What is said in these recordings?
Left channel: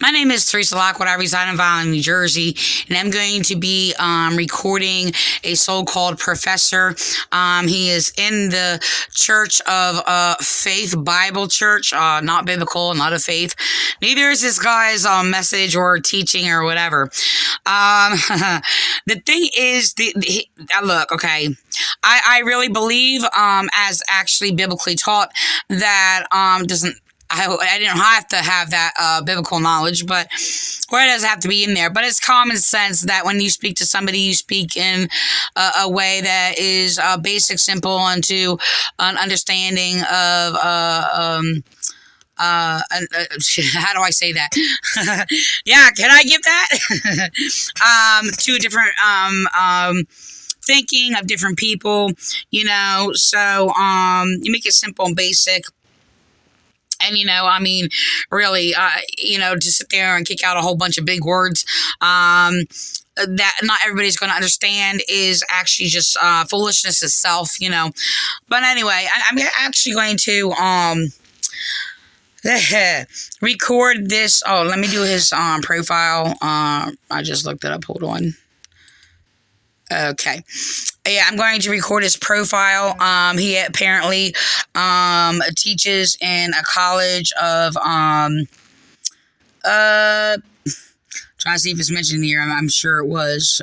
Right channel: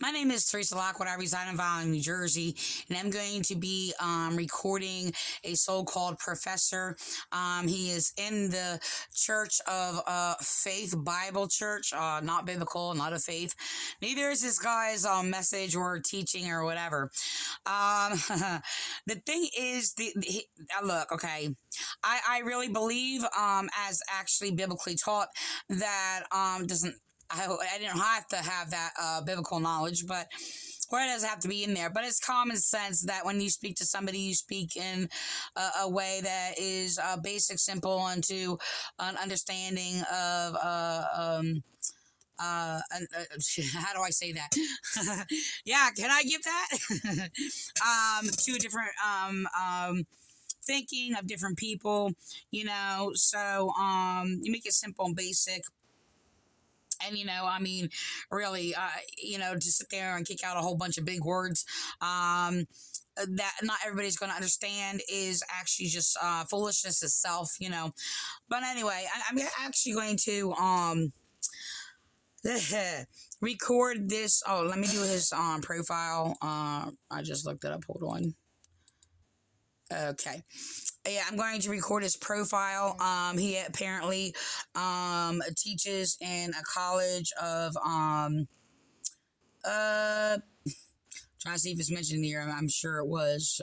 My name is Teresa Lockwood. I reside in Farnham, New Jersey, and I'm going to be recording a so-called professor. He is in the Church of Faith Bible Church, not biblical, not of faith. Neither is this guy's message or teaching or whatever. The thing is, look, okay, I really believe, as actually biblically taught, that doesn't. I didn't have to have that biblical knowledge, but or it doesn't have to be in there. But it's common sense that when you speak to somebody, you speak in a way that is basic, simple, and to an understanding of how do I say that? Yeah, can I give that? To different thinking of different people, so you make it simple and basic. And, really, to sit there and kick out a whole bunch of big words that not everybody's going to understand is actually just foolishness itself, But anyway, I'm actually going to record this. Oh, let me do his profile. I just looked it up. Hold on. Okay. Yeah, I'm going to record his profile. He apparently teaches in a college of trying to see if it's mentioned here. I'm sure it was.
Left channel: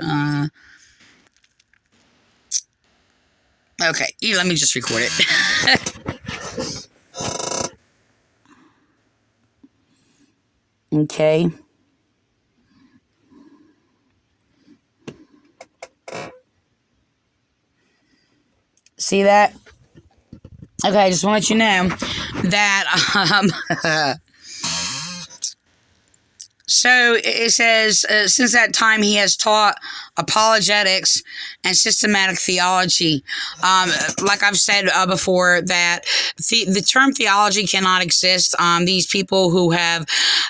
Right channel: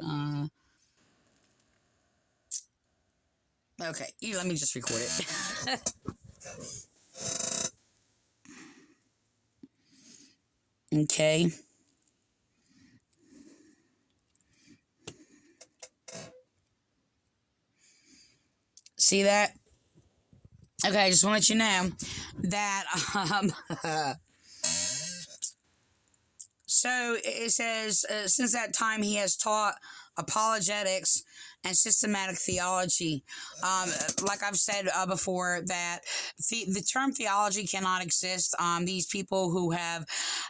Okay, let me just record it. Okay. See that? Okay, I just want to let you know that, so it says, since that time he has taught apologetics and systematic theology. Like I've said before, that the term theology cannot exist. These people who have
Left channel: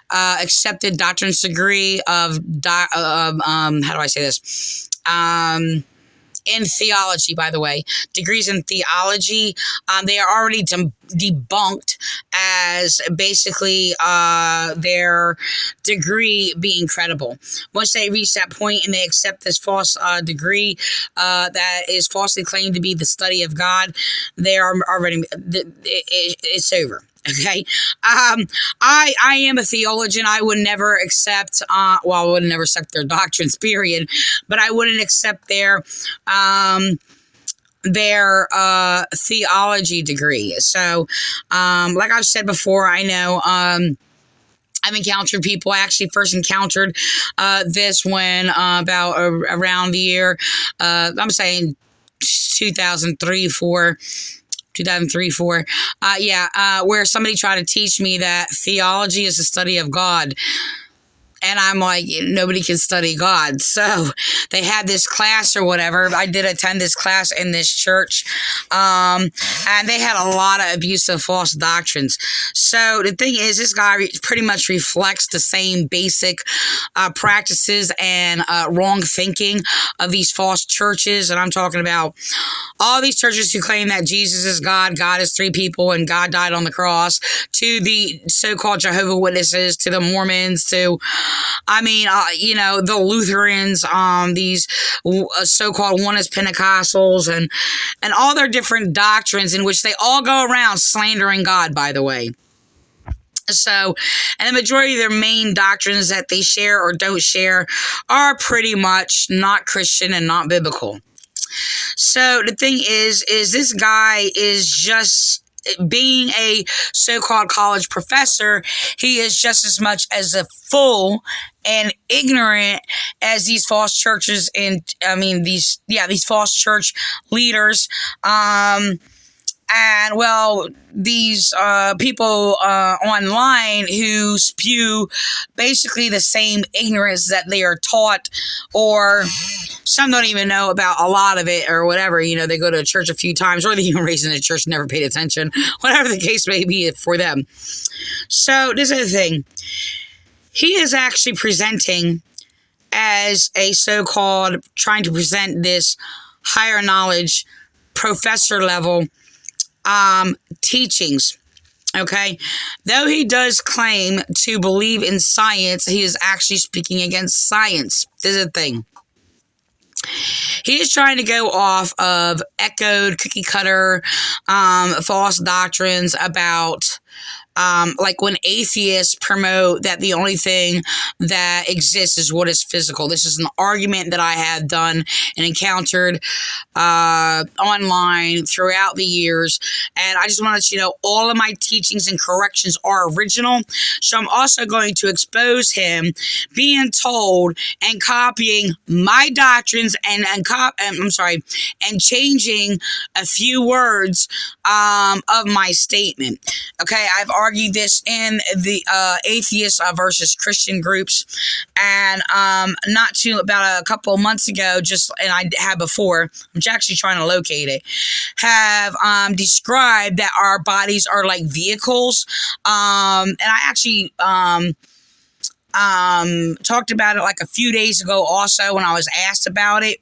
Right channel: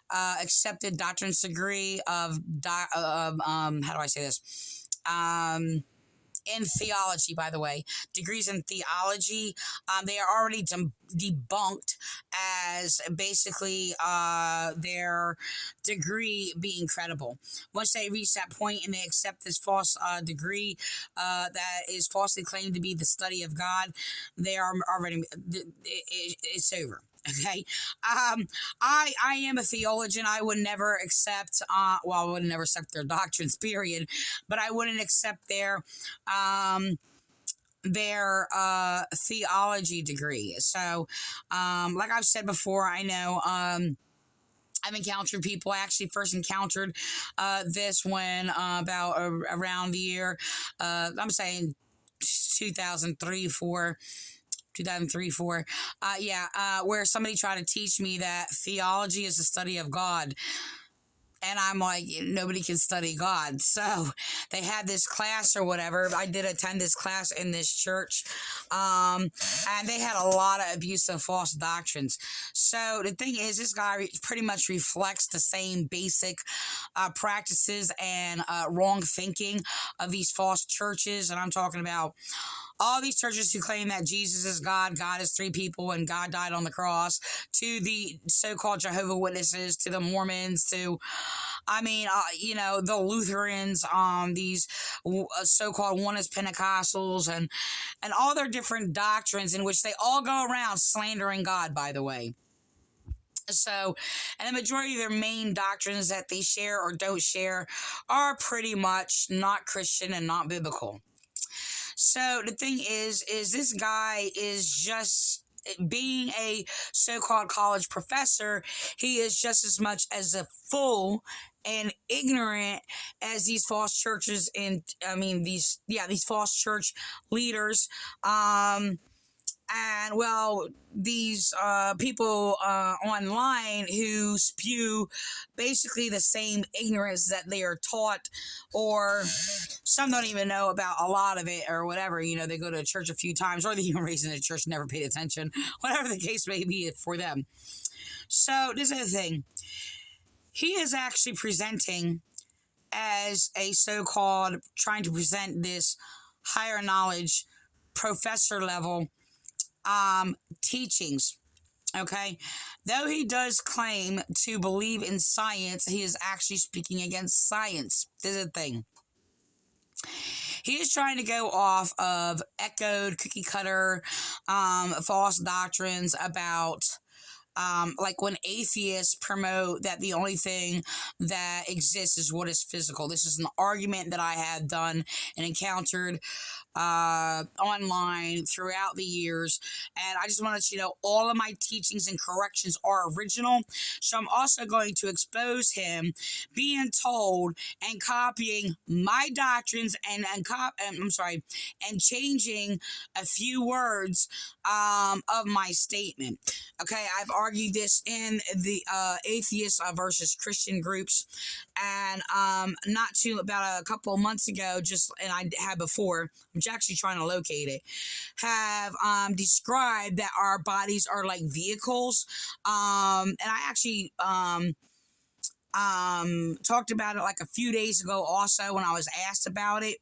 accepted doctrinate's degree of, how do I say this? In theology, by the way, degrees in theology, they are already debunked as basically their degree being credible. Once they reach that point and they accept this false degree that is falsely claimed to be the study of God, they are already, it's over. Okay. I am a theologian. I would never accept, I would never accept their doctrines, period, but I wouldn't accept their theology degree. So, like I've said before, I know, I've encountered people. I actually first encountered this when about around the year, I'm saying 2003, 4. 2003, 4, where somebody tried to teach me that theology is the study of God. And I'm like, nobody can study God. So they had this class or whatever. I did attend this class in this church. And they had a lot of abusive false doctrines. So the thing is, this guy pretty much reflects the same basic practices and wrong thinking of these false churches. And I'm talking about all these churches who claim that Jesus is God, God is three people, and God died on the cross, to the so-called Jehovah's Witnesses, to the Mormons, to the Lutherans, these so-called oneness Pentecostals, and all their different doctrines in which they all go around slandering God, by the way. So, and the majority of their main doctrines that they share or don't share are pretty much not Christian and not biblical. So the thing is this guy is just, being a so-called college professor, he is just as much as a fool and ignorant as these false churches and these false church leaders. And well, these people online who spew basically the same ignorance that they are taught, or some don't even know about a lot of it or whatever. They go to church a few times, or they even raised in the church, never paid attention, whatever the case may be for them. So this is the thing. He is actually presenting as a so-called, trying to present this higher knowledge, professor level teachings. Okay. Though he does claim to believe in science, he is actually speaking against science. This is the thing. He is trying to go off of echoed cookie cutter false doctrines about like when atheists promote that the only thing that exists is what is physical. This is an argument that I have done and encountered online throughout the years. And I just want to let you know all of my teachings and corrections are original. So I'm also going to expose him being told and copying my doctrines and changing a few words of my statement. Okay, I've argued this in the atheist versus Christian groups, and about a couple of months ago, and I had before, I'm actually trying to locate it, have described that our bodies are like vehicles, and I actually talked about it like a few days ago also when I was asked about it.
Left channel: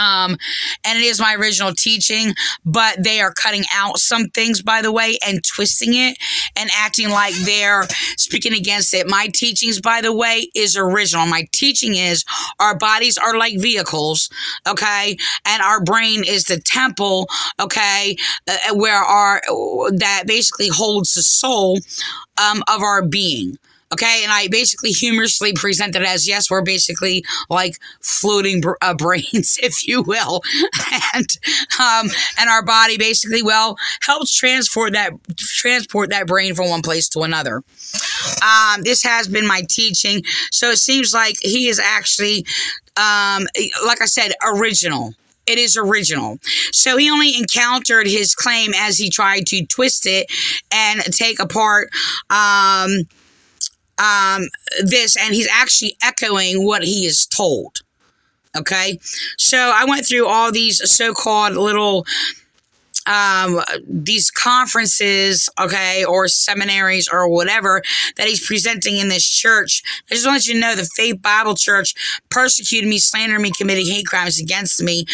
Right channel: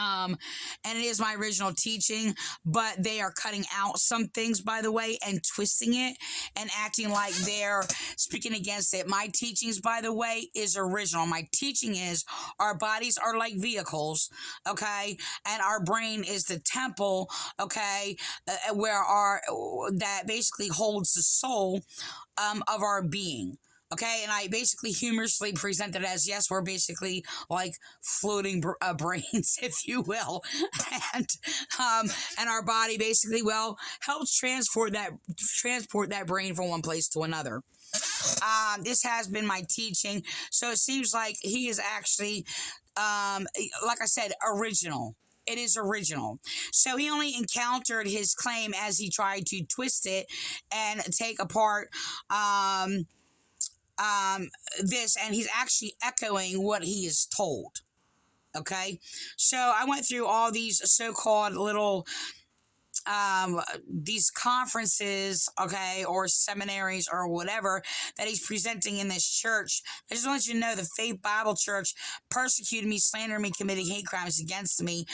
And it is my original teaching, but they are cutting out some things, by the way, and twisting it and acting like they're speaking against it. My teachings, by the way, is original. My teaching is our bodies are like vehicles, okay? And our brain is the temple, okay, that basically holds the soul of our being. Okay, and I basically humorously present it as, yes, we're basically like floating brains, if you will, and our body basically, helps transport that brain from one place to another. This has been my teaching, so it seems like he is actually, like I said, original. It is original. So he only encountered his claim as he tried to twist it and take apart this, and he's actually echoing what he is told. Okay, so I went through all these so-called little these conferences, okay, or seminaries or whatever that he's presenting in this church. I just want you to know the Faith Bible Church persecuted me, slandered me, committing hate crimes against me.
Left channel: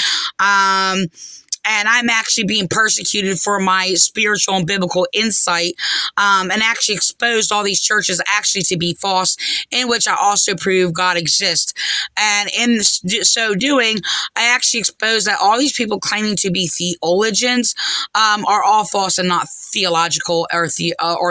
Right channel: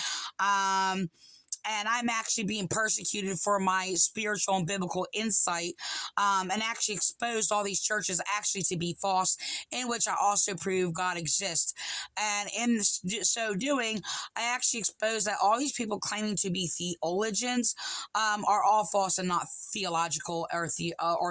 And I'm actually being persecuted for my spiritual and biblical insight, and actually exposed all these churches actually to be false, in which I also prove God exists. And in so doing, I actually exposed that all these people claiming to be theologians are all false and not theological or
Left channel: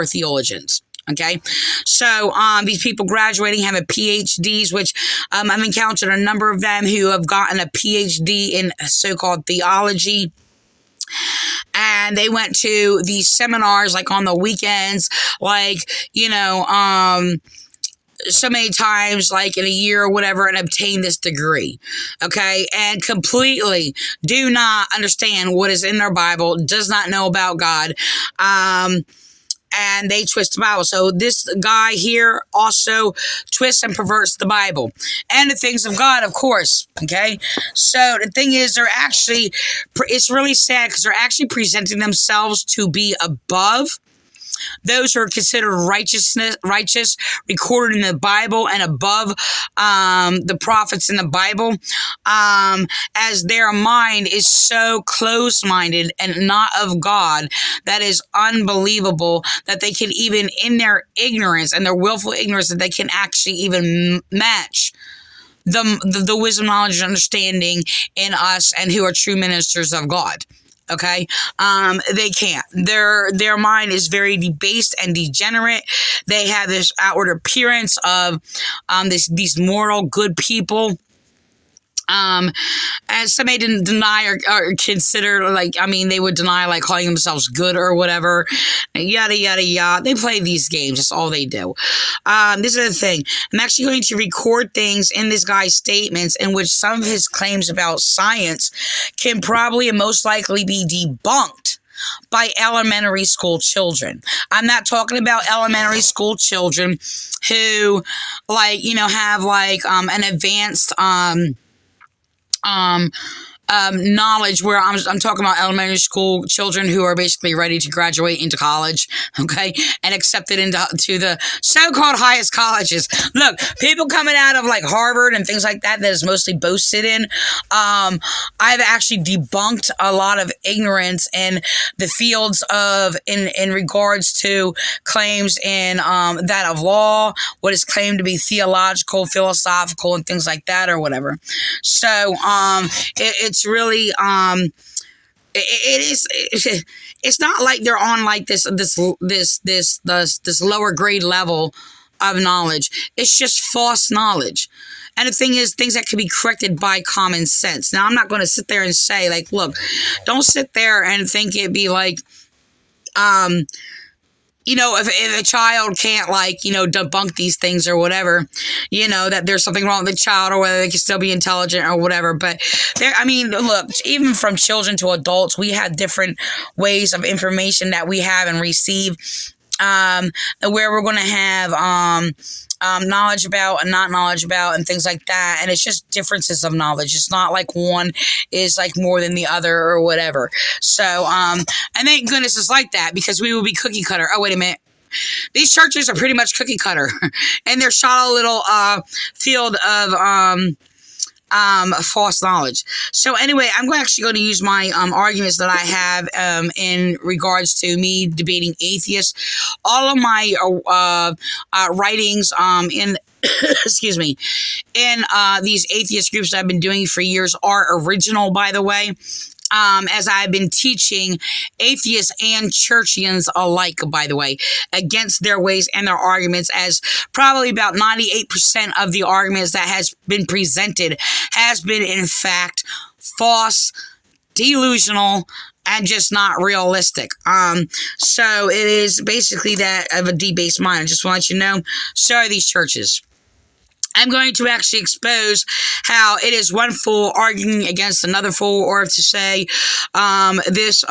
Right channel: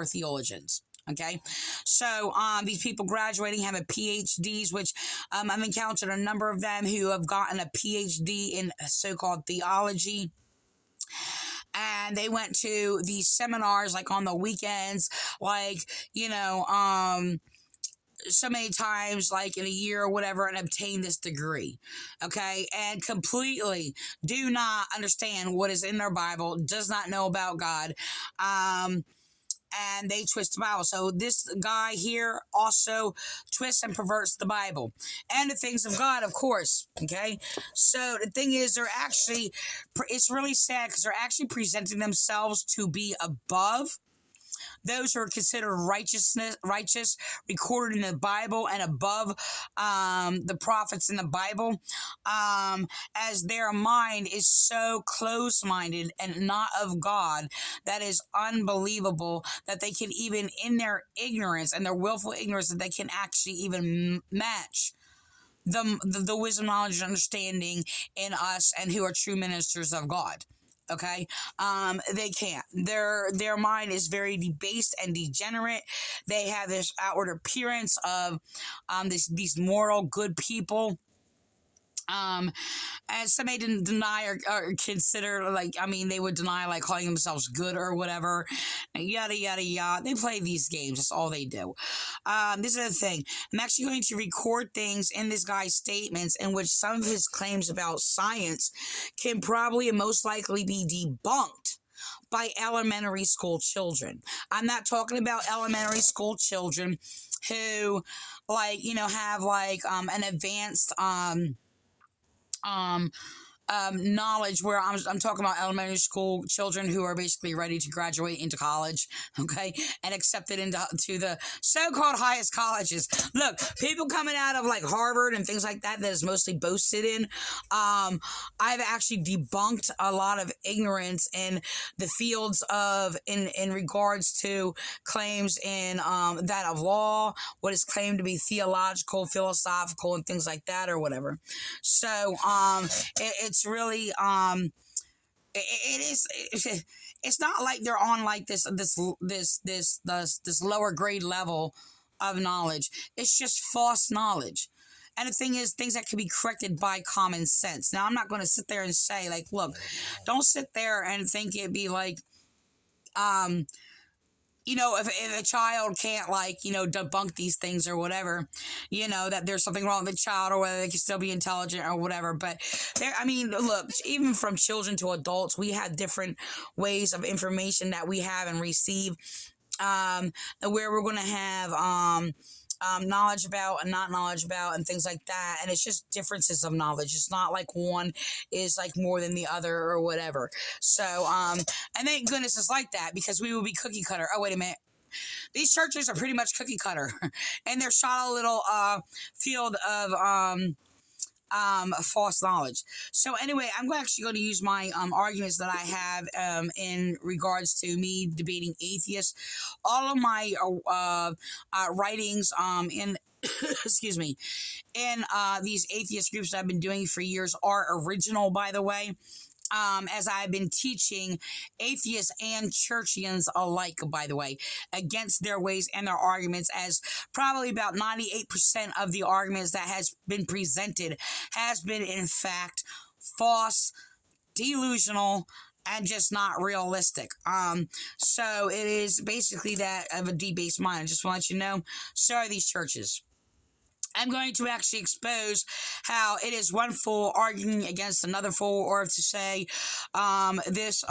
theologians. Okay, so these people graduating having PhDs, which I've encountered a number of them who have gotten a PhD in so-called theology. And they went to these seminars like on the weekends, like, so many times, like in a year or whatever, and obtain this degree, okay, and completely do not understand what is in their Bible, does not know about God, and they twist the Bible. So this guy here also twists and perverts the Bible and the things of God, of course. Okay. So the thing is, it's really sad because they're actually presenting themselves to be above those who are considered righteous, recorded in the Bible, and above the prophets in the Bible, as their mind is so closed-minded and not of God, that is unbelievable that they can even, in their ignorance and their willful ignorance, that they can actually even match the wisdom, knowledge, and understanding in us and who are true ministers of God. Okay, they can't. Their mind is very debased and degenerate. They have this outward appearance of these moral good people. As somebody didn't deny or consider, they would deny like calling themselves good or whatever, yada yada yada. They play these games. That's all they do. This is the thing. I'm actually going to record things in this guy's statements in which some of his claims about science can probably and most likely be debunked by elementary school children. I'm not talking about elementary school children who have an advanced knowledge where I'm talking about elementary school children who are basically ready to graduate into college, okay, and accepted into to the so-called highest colleges. Look, people coming out of like Harvard and things like that is mostly boasted in. I've actually debunked a lot of ignorance in the fields of in regards to claims in that of law, what is claimed to be theological, philosophical, and things like that, or whatever. So it's really it's not like they're on like this lower grade level of knowledge. It's just false knowledge. And the thing is, things that can be corrected by common sense. Now, I'm not going to sit there and say, like, look, don't sit there and think it'd be like, if a child can't, like, debunk these things or whatever, that there's something wrong with the child or whether they can still be intelligent or whatever. But look, even from children to adults, we have different ways of information that we have and receive, where we're going to have, knowledge about and not knowledge about and things like that. And it's just differences of knowledge. It's not like one is like more than the other or whatever. So, and thank goodness it's like that, because we will be cookie cutter. Oh, wait a minute. These churches are pretty much cookie cutter and they're shot a little, field of, false knowledge. So anyway, I'm actually going to use my arguments that I have in regards to me debating atheists. All of my writings in excuse me, in these atheist groups that I've been doing for years are original, by the way. As I've been teaching atheists and churchians alike, by the way, against their ways and their arguments, as probably about 98% of the arguments that has been presented has been, in fact, false, delusional, and just not realistic. So it is basically that of a debased mind. I just want to let you know, so are these churches. I'm going to actually expose how it is one fool arguing against another fool, or to say this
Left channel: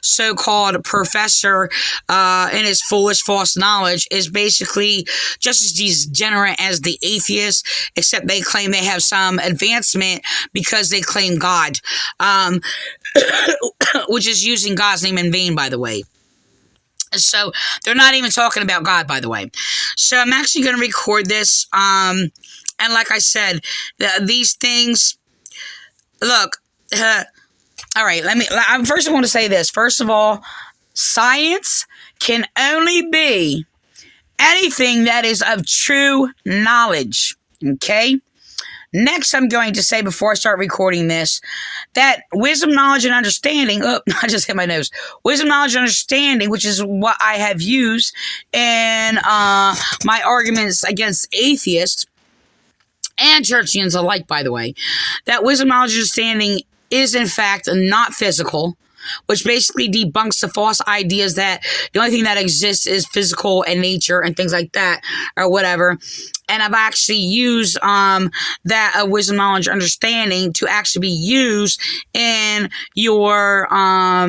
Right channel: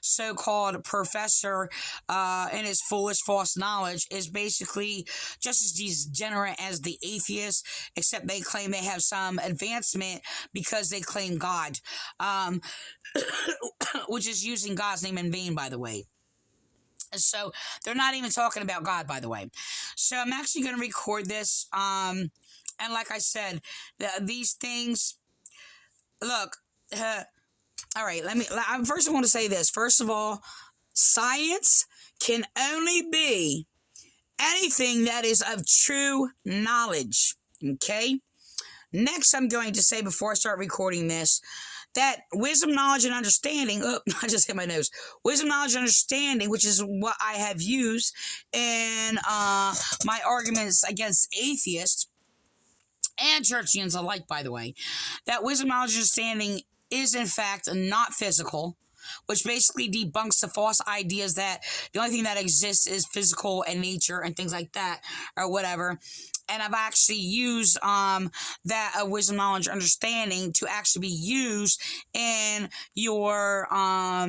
so-called professor and his foolish false knowledge is basically just as degenerate as the atheists, except they claim they have some advancement because they claim God, which is using God's name in vain, by the way. So they're not even talking about God, by the way. So I'm actually going to record this. And like I said, these things, look, all right, first I want to say this. First of all, science can only be anything that is of true knowledge. Okay? Next, I'm going to say, before I start recording this, that wisdom, knowledge, and understanding, I just hit my nose. Wisdom, knowledge, and understanding, which is what I have used in my arguments against atheists and churchians alike, by the way, that wisdom, knowledge, and understanding is, in fact, not physical, which basically debunks the false ideas that the only thing that exists is physical and nature and things like that, or whatever. And I've actually used that wisdom, knowledge, understanding to actually be used in your how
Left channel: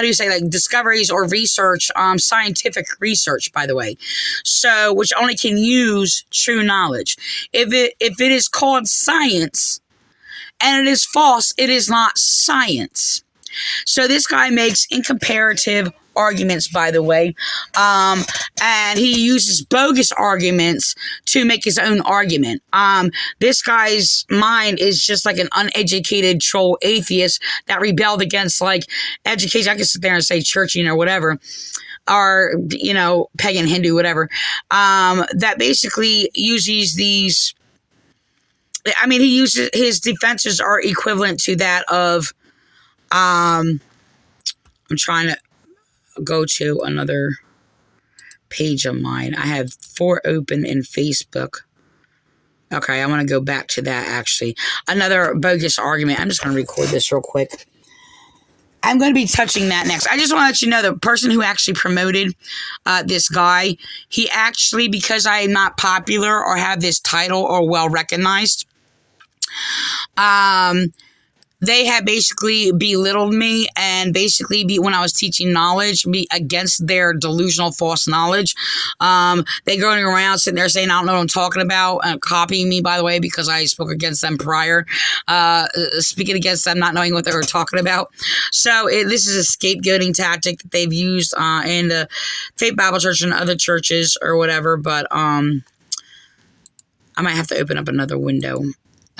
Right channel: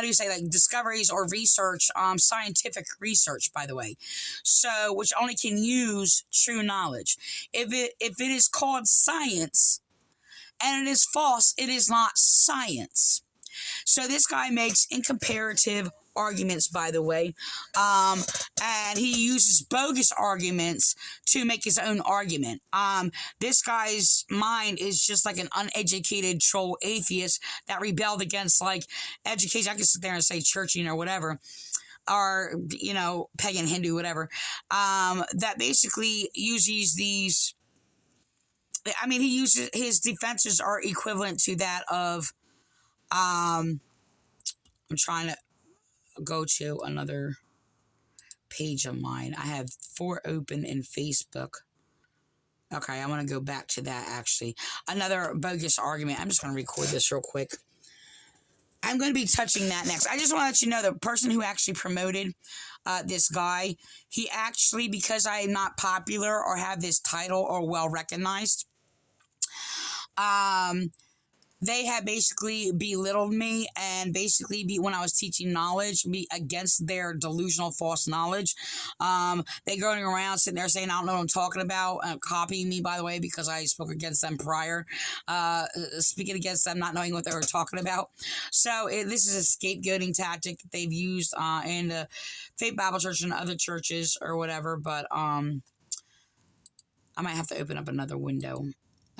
do you say, like, discoveries or research, scientific research, by the way. So, which only can use true knowledge. If it is called science and it is false, it is not science. So this guy makes incomparative arguments, by the way, and he uses bogus arguments to make his own argument. This guy's mind is just like an uneducated troll atheist that rebelled against, like, education. I can sit there and say churching or whatever, or, pagan, Hindu, whatever, that basically uses these. He uses, his defenses are equivalent to that of, I'm trying to go to another page of mine. I have 4 open in Facebook. Okay, I want to go back to that, actually. Another bogus argument. I'm just going to record this real quick. I'm going to be touching that next. I just want to let you know, the person who actually promoted this guy, he actually, because I am not popular or have this title or well recognized, they had basically belittled me and basically when I was teaching knowledge, be against their delusional false knowledge. They going around sitting there saying, I don't know what I'm talking about, copying me, by the way, because I spoke against them prior, speaking against them, not knowing what they were talking about. So this is a scapegoating tactic that they've used in the Faith Bible Church and other churches or whatever. But I might have to open up another window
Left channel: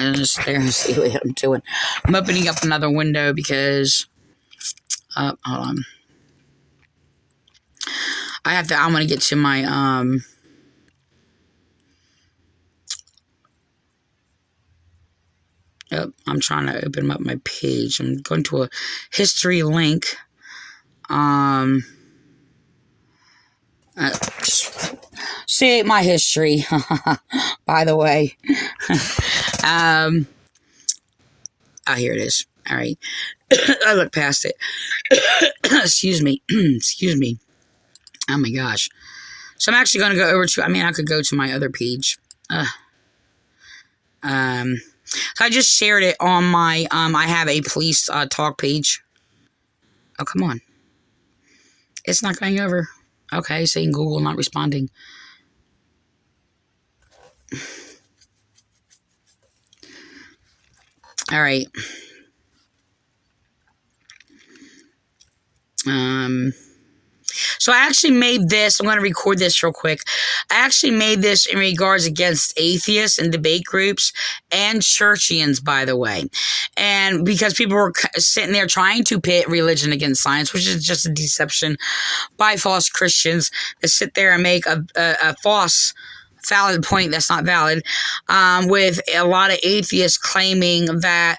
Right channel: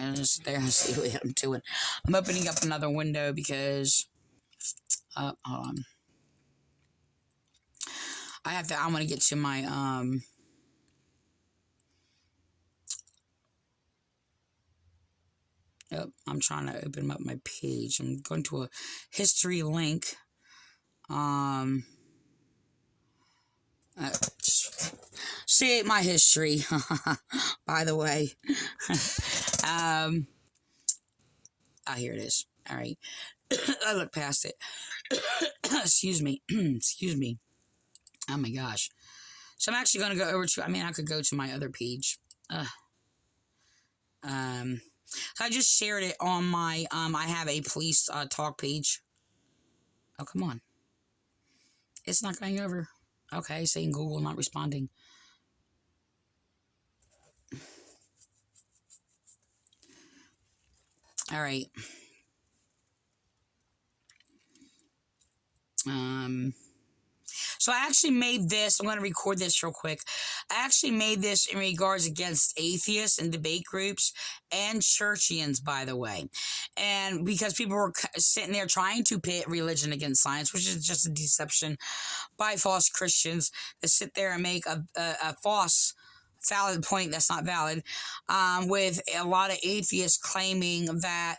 and just stare and see what I'm doing. I'm opening up another window because, hold on. I'm going to get to my, I'm trying to open up my page. I'm going to a history link. See my history, by the way. Here it is. All right. I look past it. Excuse me. Excuse me. Oh my gosh. So I'm actually going to go over to, I could go to my other page. So I just shared it on my, I have a police talk page. Oh, come on. It's not going over. Okay, saying Google not responding. All right. So I actually made this. I'm going to record this real quick. I actually made this in regards against atheists and debate groups and churchians, by the way. And because people were sitting there trying to pit religion against science, which is just a deception by false Christians that sit there and make a false valid point that's not valid, with a lot of atheists claiming that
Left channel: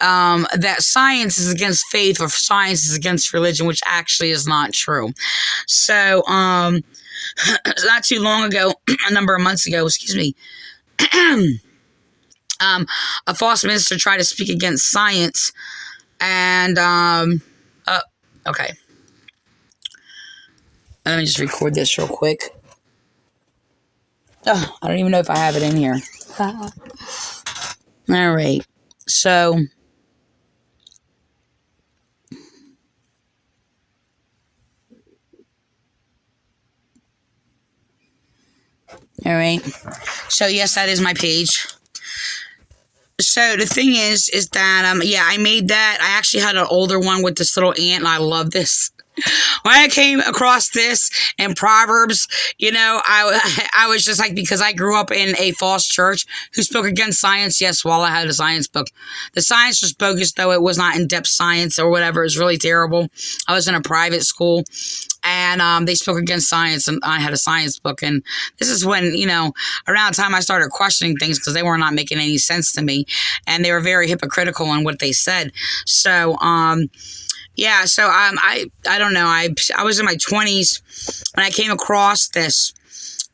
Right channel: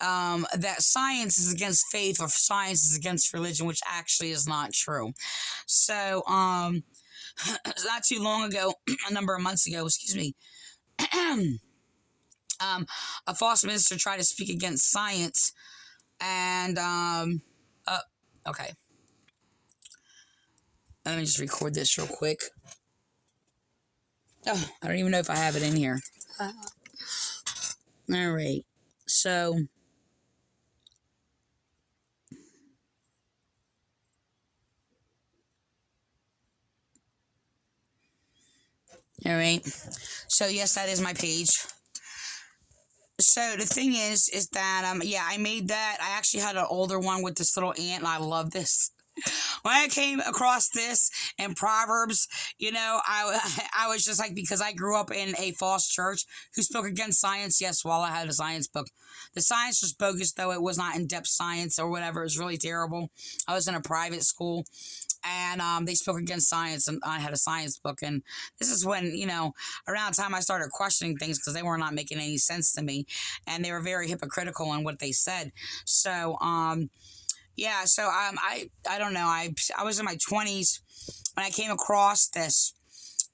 that science is against faith or science is against religion, which actually is not true. So not too long ago, a number of months ago, excuse me, a false minister tried to speak against science, and okay, let me just record this real quick. Oh, I don't even know if I have it in here. All right. So, all right. So, yes, that is my page. So the thing is that, yeah, I made that. I actually had an older one with this little ant, and I love this. When I came across this in Proverbs, I was just like, because I grew up in a false church who spoke against science. Yes, while I had a science book. The science was bogus, though. It was not in-depth science or whatever. It was really terrible. I was in a private school, and they spoke against science, and I had a science book. And this is when, around the time I started questioning things because they were not making any sense to me, and they were very hypocritical in what they said. So, yeah, so I don't know. I was in my 20s when I came across this,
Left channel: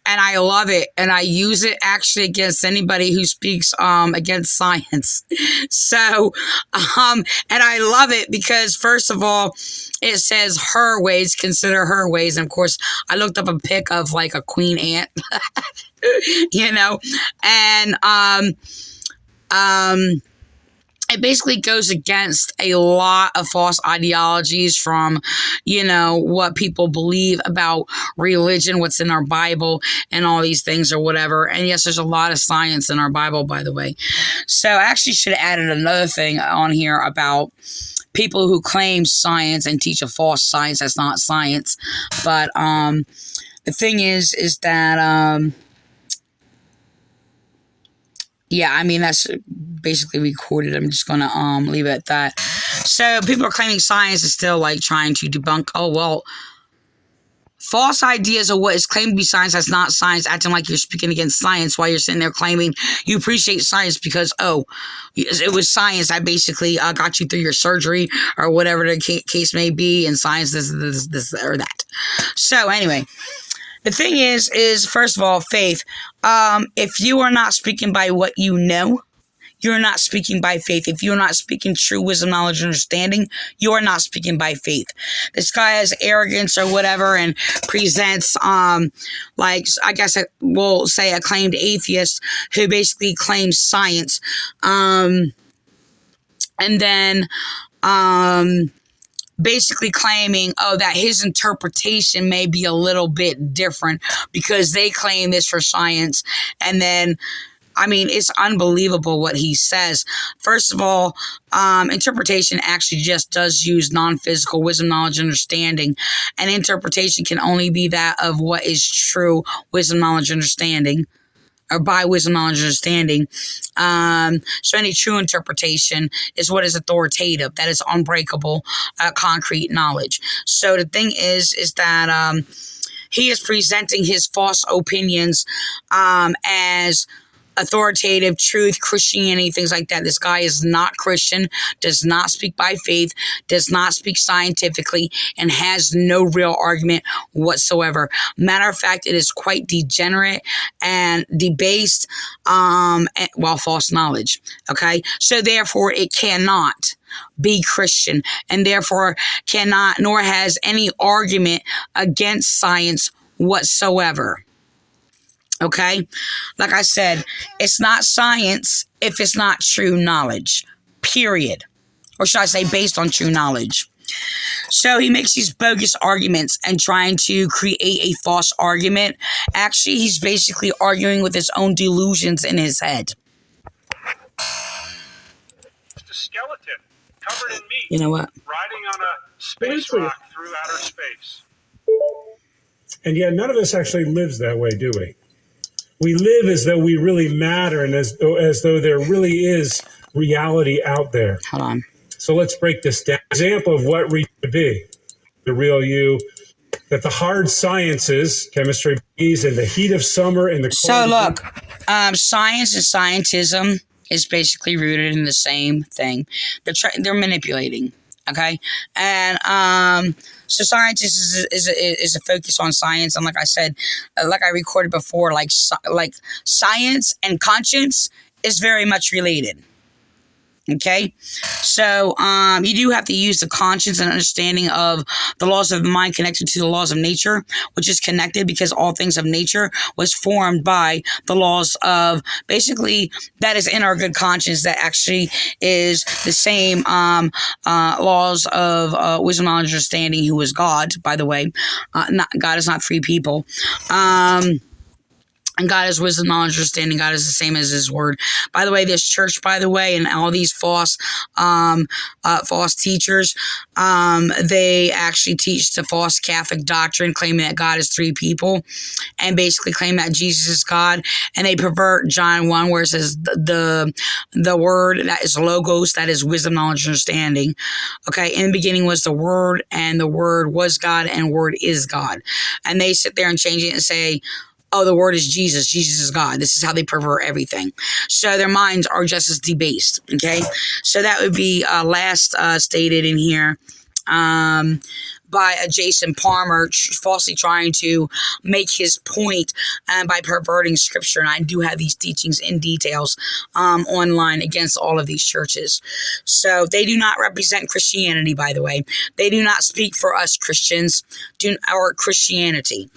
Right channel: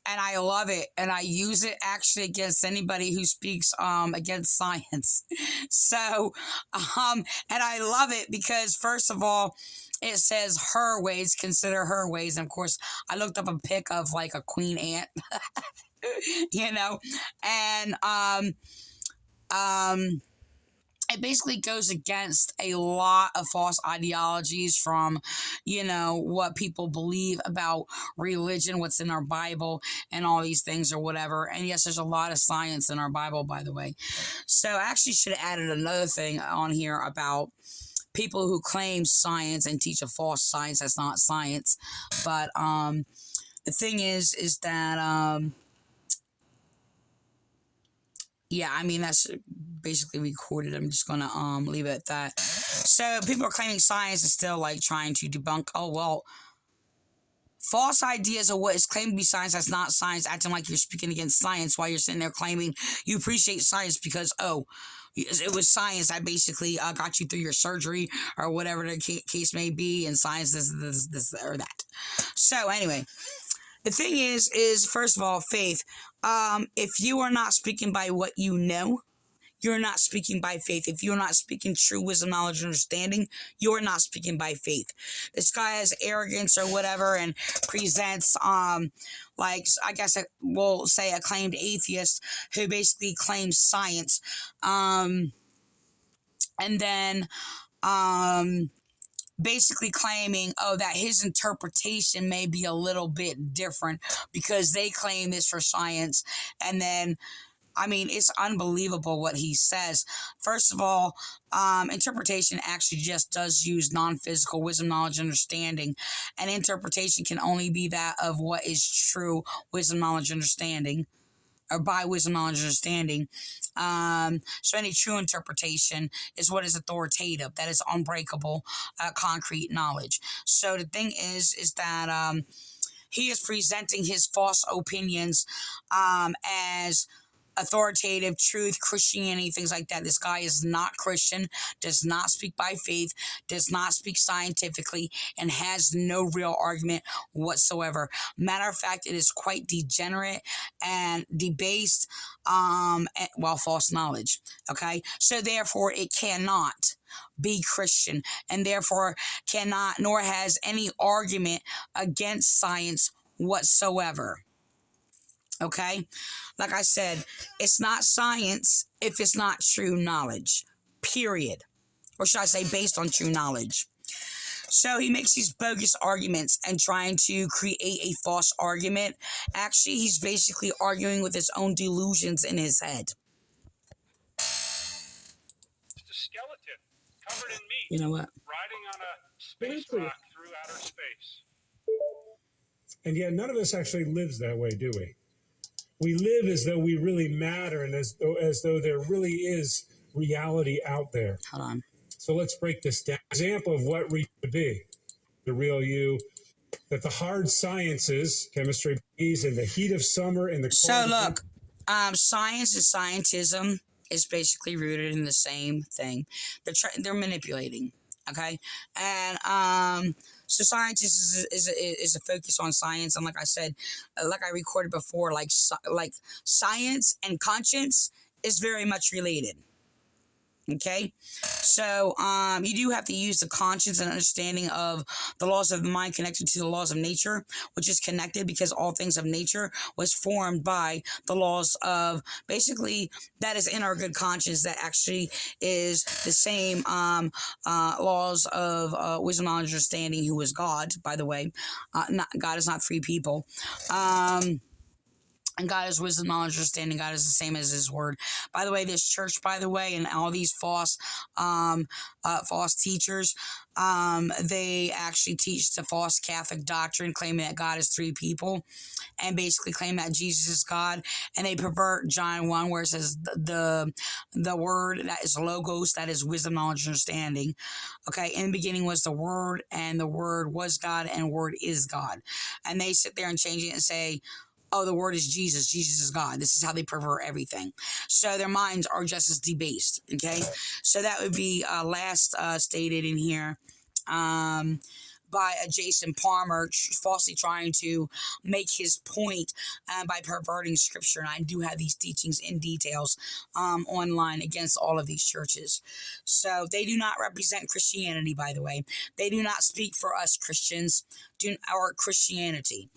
and I love it, and I use it actually against anybody who speaks against science. So, and I love it because, first of all, it says her ways, consider her ways. And of course, I looked up a pic of like a queen ant, and it basically goes against a lot of false ideologies from, what people believe about religion, what's in our Bible, and all these things or whatever. And yes, there's a lot of science in our Bible, by the way. So I actually should have added another thing on here about people who claim science and teach a false science that's not science. But the thing is that yeah, that's basically recorded. I'm just gonna leave it at that. So people are claiming science is still like trying to debunk, false ideas of what is claimed to be science that's not science, acting like you're speaking against science while you're sitting there claiming you appreciate science because, it was science that basically got you through your surgery or whatever the case may be, and science this or that. So anyway, the thing is first of all, faith. If you are not speaking by what you know, you're not speaking by faith. If you're not speaking true wisdom, knowledge, and understanding, you are not speaking by faith. This guy has arrogance or whatever and presents, like, I guess we'll say acclaimed atheist who basically claims science. and then basically claiming, that his interpretation may be a little bit different because they claim this for science. And then, I mean, it's unbelievable what he says. First of all, interpretation actually just does use non-physical wisdom, knowledge, understanding. And interpretation can only be that of what is true wisdom, knowledge, understanding, or by wisdom, knowledge, understanding. So any true interpretation is what is authoritative, that is unbreakable, concrete knowledge. So the thing is that he is presenting his false opinions as authoritative truth, Christianity, things like that. This guy is not Christian, does not speak by faith, does not speak scientifically, and has no real argument whatsoever. Matter of fact, it is quite degenerate and debased, false knowledge. Okay, so therefore it cannot be Christian, and therefore cannot nor has any argument against science whatsoever. Okay, like I said, it's not science if it's not true knowledge, period. Or should I say based on true knowledge. So he makes these bogus arguments and trying to create a false argument. Actually, he's basically arguing with his own delusions in his head. The skeleton covered in meat. You know what? Riding on a space rock through outer space. And yet none of us actually lives that way, do we? We live as though we really matter and as though there really is reality out there. Hold on. So let's break this down. Example of what we should be, the real you, that the hard sciences, chemistry, in the heat of summer, in the cold. So look, science and scientism is basically rooted in the same thing. They're manipulating. Okay, and so science is a focus on science, and like I said, like I recorded before, like science and conscience is very much related. Okay, so you do have to use the conscience and understanding of the laws of the mind connected to the laws of nature, which is connected because all things of nature was formed by the laws of, basically, that is in our good conscience, that actually is the same laws of wisdom, knowledge, understanding, who is God, by the way. God is not three people. And God is wisdom, knowledge, understanding. God is the same as His word. By the way, this church, by the way, and all these false teachers, they actually teach the false Catholic doctrine, claiming that God is three people, and basically claim that Jesus is God. And they pervert John 1, where it says the word that is logos, that is wisdom, knowledge, understanding. Okay, in the beginning was the word, and the word was God, and word is God. And they sit there and change it and say, oh, the word is Jesus. Jesus is God. This is how they pervert everything. So their minds are just as debased. Okay. So that would be last stated in here by Jason Palmer, falsely trying to make his point by perverting scripture. And I do have these teachings in details online against all of these churches. So they do not represent Christianity, by the way. They do not speak for us Christians or Christianity.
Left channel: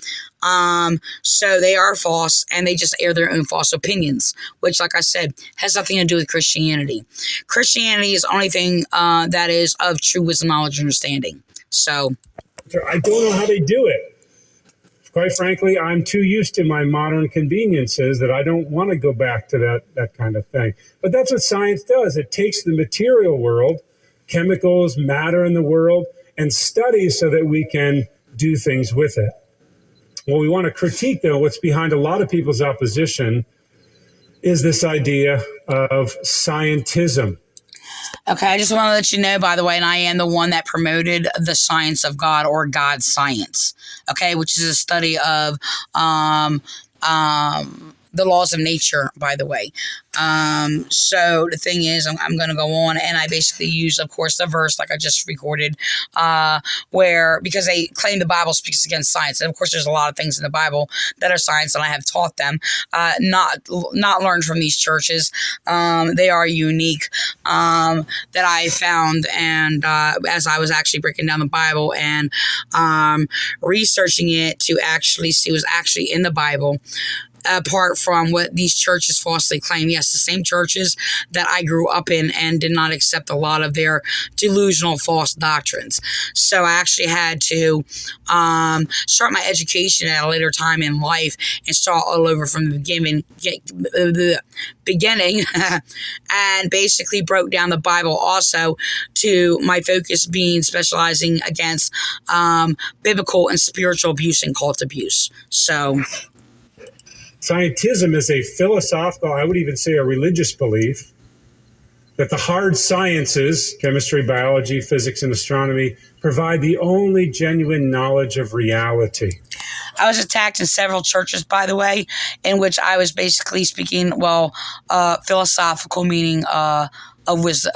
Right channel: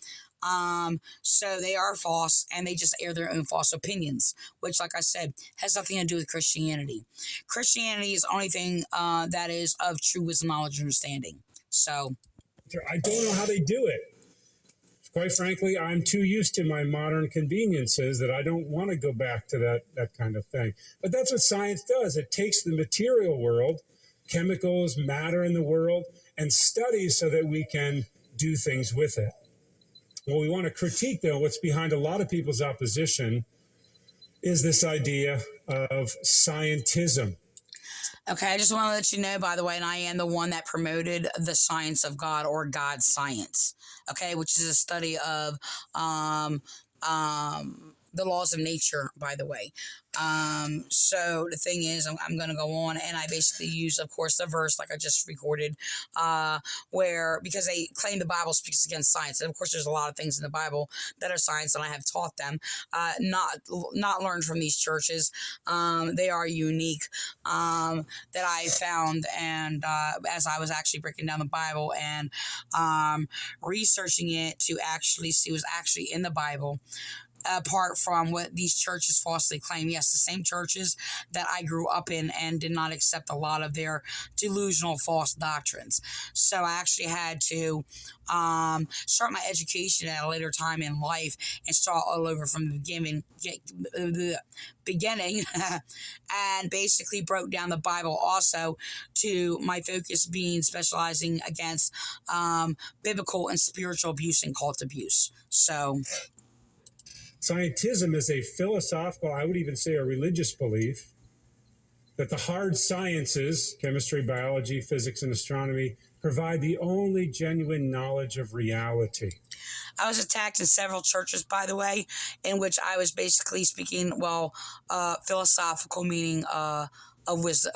So they are false, and they just air their own false opinions, which, like I said, has nothing to do with Christianity. Christianity is the only thing that is of true wisdom, knowledge, and understanding. So I don't know how they do it. Quite frankly, I'm too used to my modern conveniences that I don't want to go back to that kind of thing. But that's what science does. It takes the material world, chemicals, matter in the world, and studies so that we can do things with it. What we want to critique, though, what's behind a lot of people's opposition is this idea of scientism. Okay, I just want to let you know, by the way, and I am the one that promoted the science of God, or God science, okay, which is a study of the laws of nature, by the way. So the thing is, I'm going to go on, and I basically use, of course, the verse like I just recorded, where, because they claim the Bible speaks against science, and of course there's a lot of things in the Bible that are science, and I have taught them, not learned from these churches. They are unique, that I found, and as I was actually breaking down the Bible and researching it to actually see what was actually in the Bible, apart from what these churches falsely claim. Yes, the same churches that I grew up in and did not accept a lot of their delusional false doctrines. So I actually had to start my education at a later time in life and start all over from the beginning and basically broke down the Bible also, to my focus being specializing against biblical and spiritual abuse and cult abuse. So Scientism is a philosophical, I would even say a religious belief, that the hard sciences, chemistry, biology, physics, and astronomy, provide the only genuine knowledge of reality. I was attacked in several churches, by the way, in which I was basically speaking, philosophical meaning of wisdom.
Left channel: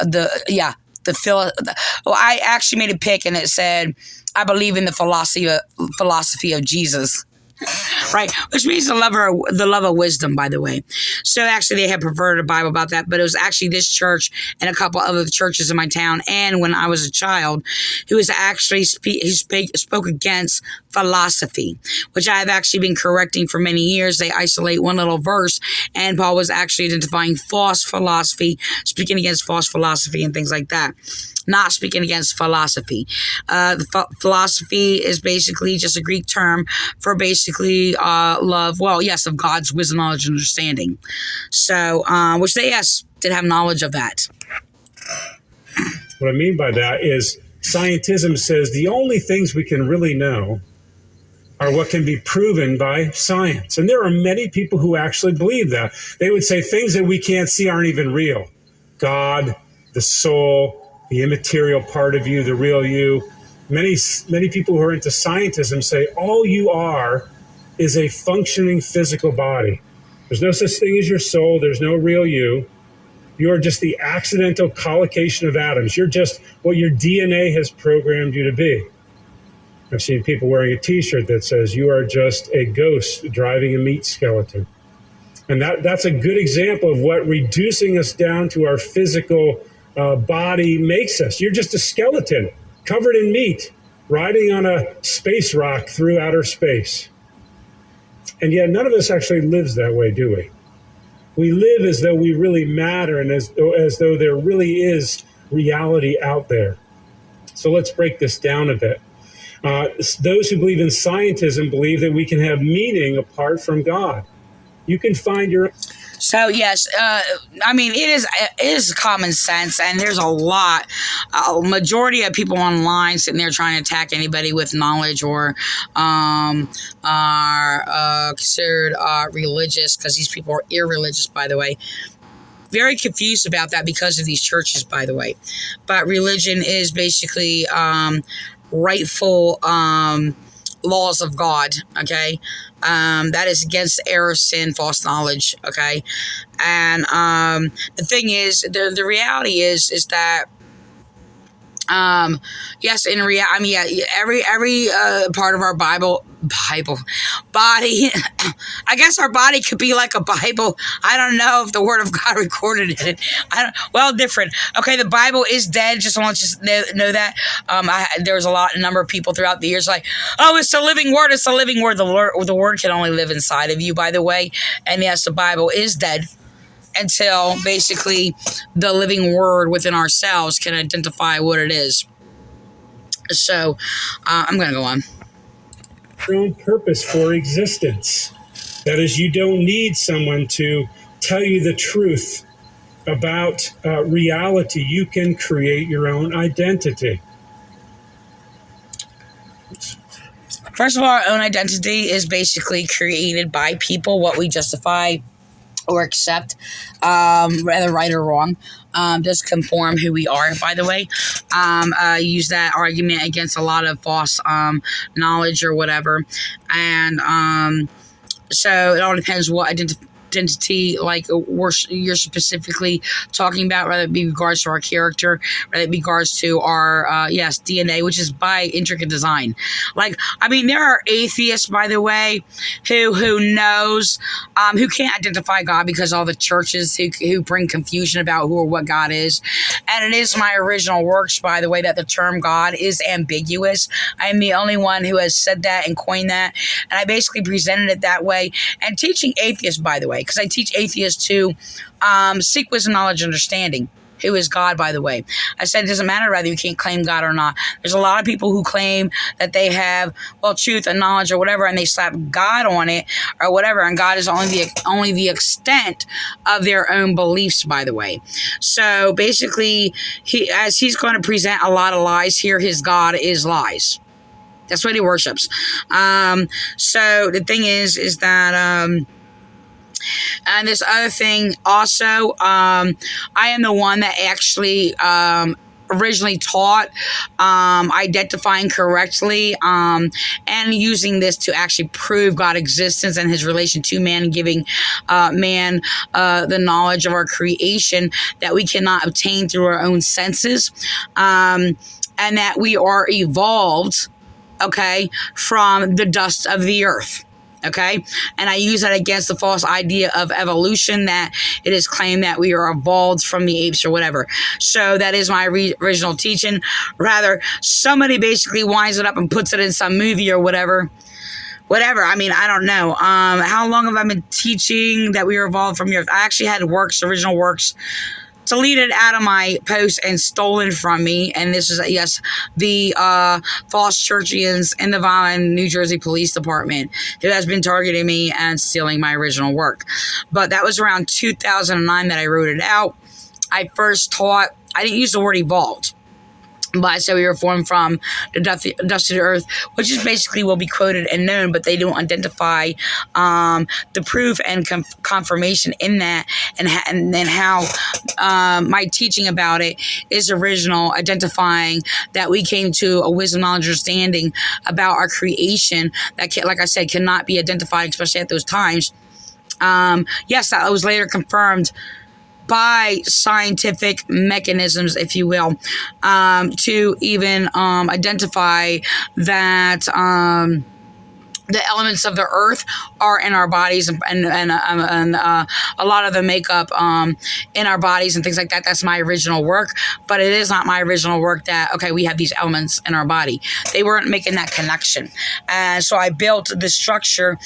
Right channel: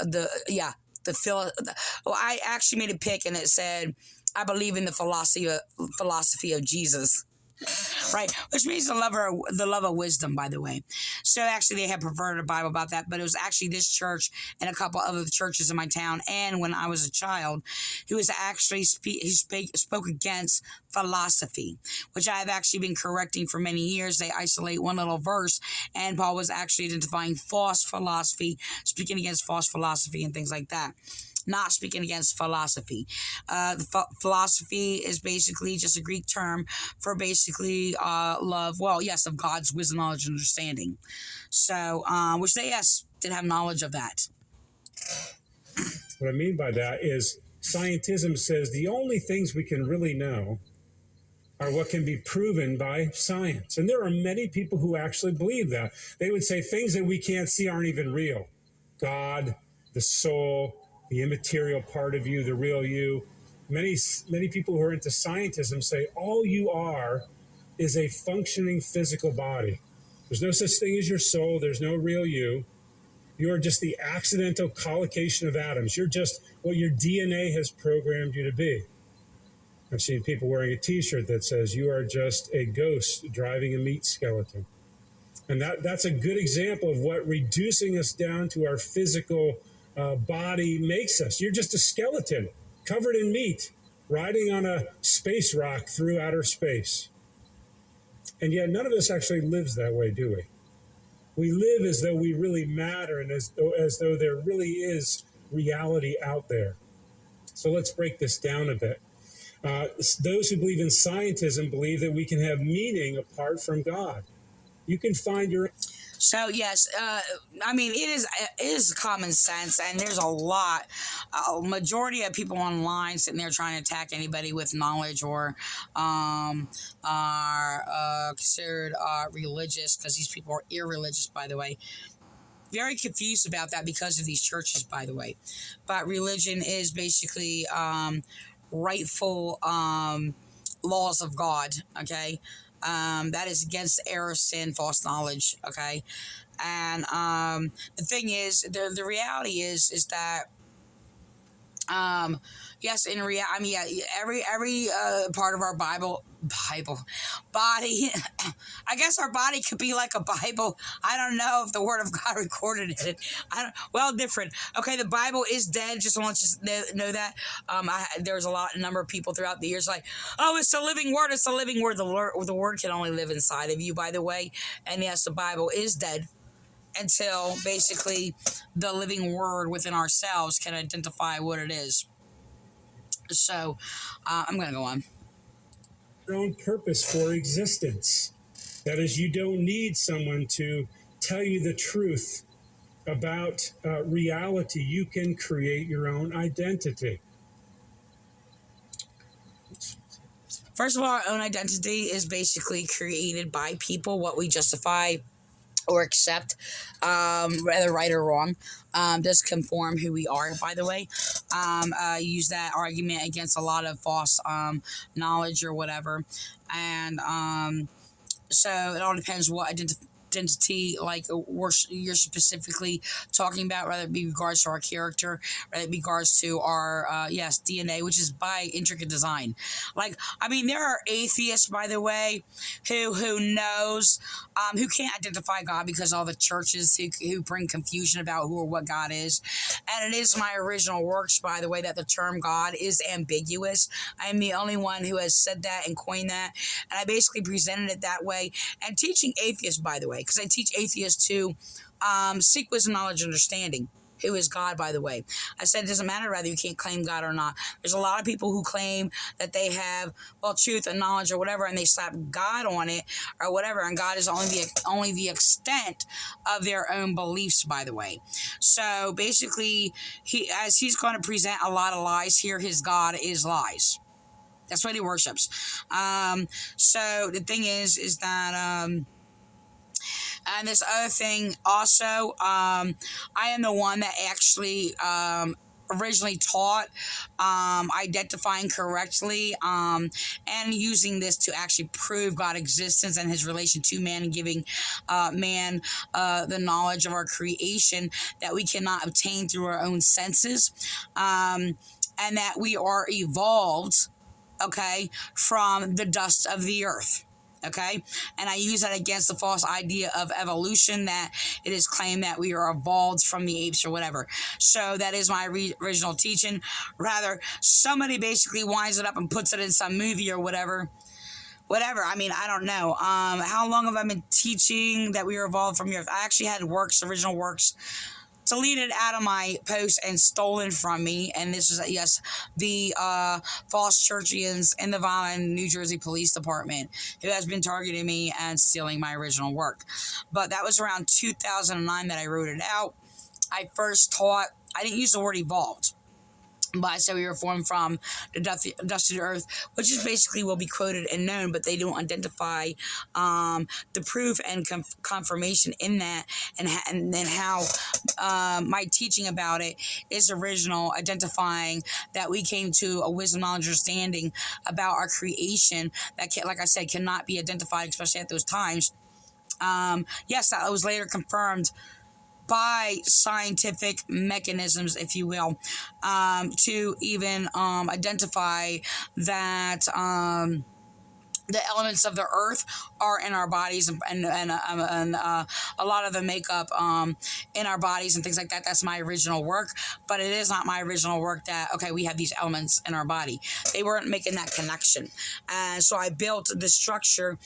I actually made a pic and it said, I believe in the philosophy of Jesus. Right, which means the love of wisdom, by the way. So actually, they had perverted a Bible about that, but it was actually this church and a couple other churches in my town, and when I was a child, who was actually spoke against philosophy, which I have actually been correcting for many years. They isolate one little verse, and Paul was actually identifying false philosophy, speaking against false philosophy and things like that. Not speaking against philosophy. Philosophy is basically just a Greek term for basically love, of God's wisdom, knowledge, and understanding. So, which they, yes, did have knowledge of that. What I mean by that is scientism says the only things we can really know are what can be proven by science. And there are many people who actually believe that. They would say things that we can't see aren't even real. God, the soul, the immaterial part of you, the real you. Many people who are into scientism say all you are is a functioning physical body. There's no such thing as your soul. There's no real you. You are just the accidental collocation of atoms. You're just what your DNA has programmed you to be. I've seen people wearing a t-shirt that says you are just a ghost driving a meat skeleton. And that's a good example of what reducing us down to our physical body makes us. You're just a skeleton covered in meat, riding on a space rock through outer space. And yet none of us actually lives that way, do we? We live as though we really matter and as though there really is reality out there. So let's break this down a bit. Those who believe in scientism believe that we can have meaning apart from God. You can find your... So yes, it is common sense, and there's a majority of people online sitting there trying to attack anybody with knowledge or are considered religious, because these people are irreligious, by the way. Very confused about that because of these churches, by the way. But religion is basically rightful laws of God, okay? That is against error, sin, false knowledge, okay? And the thing is, the reality is that yes, in reality, every part of our body, I guess our body could be like a Bible. I don't know if the Word of God recorded it. Different. Okay, the Bible is dead. Just want to know that. There's a number of people throughout the years like, oh, it's the living Word. It's the living Word. The Word can only live inside of you, by the way. And yes, the Bible is dead until basically the living Word within ourselves can identify what it is. So I'm going to go on. Your own purpose for existence. That is, you don't need someone to tell you the truth about reality. You can create your own identity. First of all, our own identity is basically created by people, what we justify or accept, whether right or wrong, just conform who we are, by the way. Use that argument against a lot of false knowledge or whatever. And so it all depends what identity, like you're specifically talking about, whether it be regards to our character, whether it be regards to our yes, DNA, which is by intricate design. Like, I mean, there are atheists, by the way, who knows, who can't identify God because all the churches who bring confusion about who or what God is. And it is my original works, by the way, that the term God is ambiguous. I am the only one who has said that and coined that. And I basically presented it that way. And teaching atheists, by the way, because I teach atheists to seek wisdom, knowledge, understanding. Who is God, by the way? I said it doesn't matter whether you can't claim God or not. There's a lot of people who claim that they have, well, truth and knowledge or whatever, and they slap God on it or whatever, and God is only the extent of their own beliefs, by the way. So basically, he's going to present a lot of lies here, his God is lies. That's what he worships. So the thing is that and this other thing also, I am the one that actually originally taught identifying correctly and using this to actually prove God's existence and his relation to man, giving man the knowledge of our creation that we cannot obtain through our own senses, and that we are evolved, okay, from the dust of the earth. Okay, and I use that against the false idea of evolution, that it is claimed that we are evolved from the apes or whatever. So that is my original teaching. Rather, somebody basically winds it up and puts it in some movie or whatever. I mean, I don't know. How long have I been teaching that we are evolved from the earth? I actually had original works, deleted out of my post and stolen from me. And this is, yes, the false churchians in the Violin, New Jersey Police Department, who has been targeting me and stealing my original work. But that was around 2009 that I wrote it out. I first taught, I didn't use the word evolved, but I said we were formed from the dust of the earth, which is basically will be quoted and known, but they don't identify the proof and confirmation in that, and then how my teaching about it is original, identifying that we came to a wisdom, knowledge, understanding about our creation that, like I said, cannot be identified, especially at those times. Yes, that was later confirmed by scientific mechanisms, if you will, to even identify that the elements of the earth are in our bodies, and a lot of the makeup in our bodies and things like that. That's my original work, but it is not my original work that, okay, we have these elements in our body. They weren't making that connection. And so I built the structure,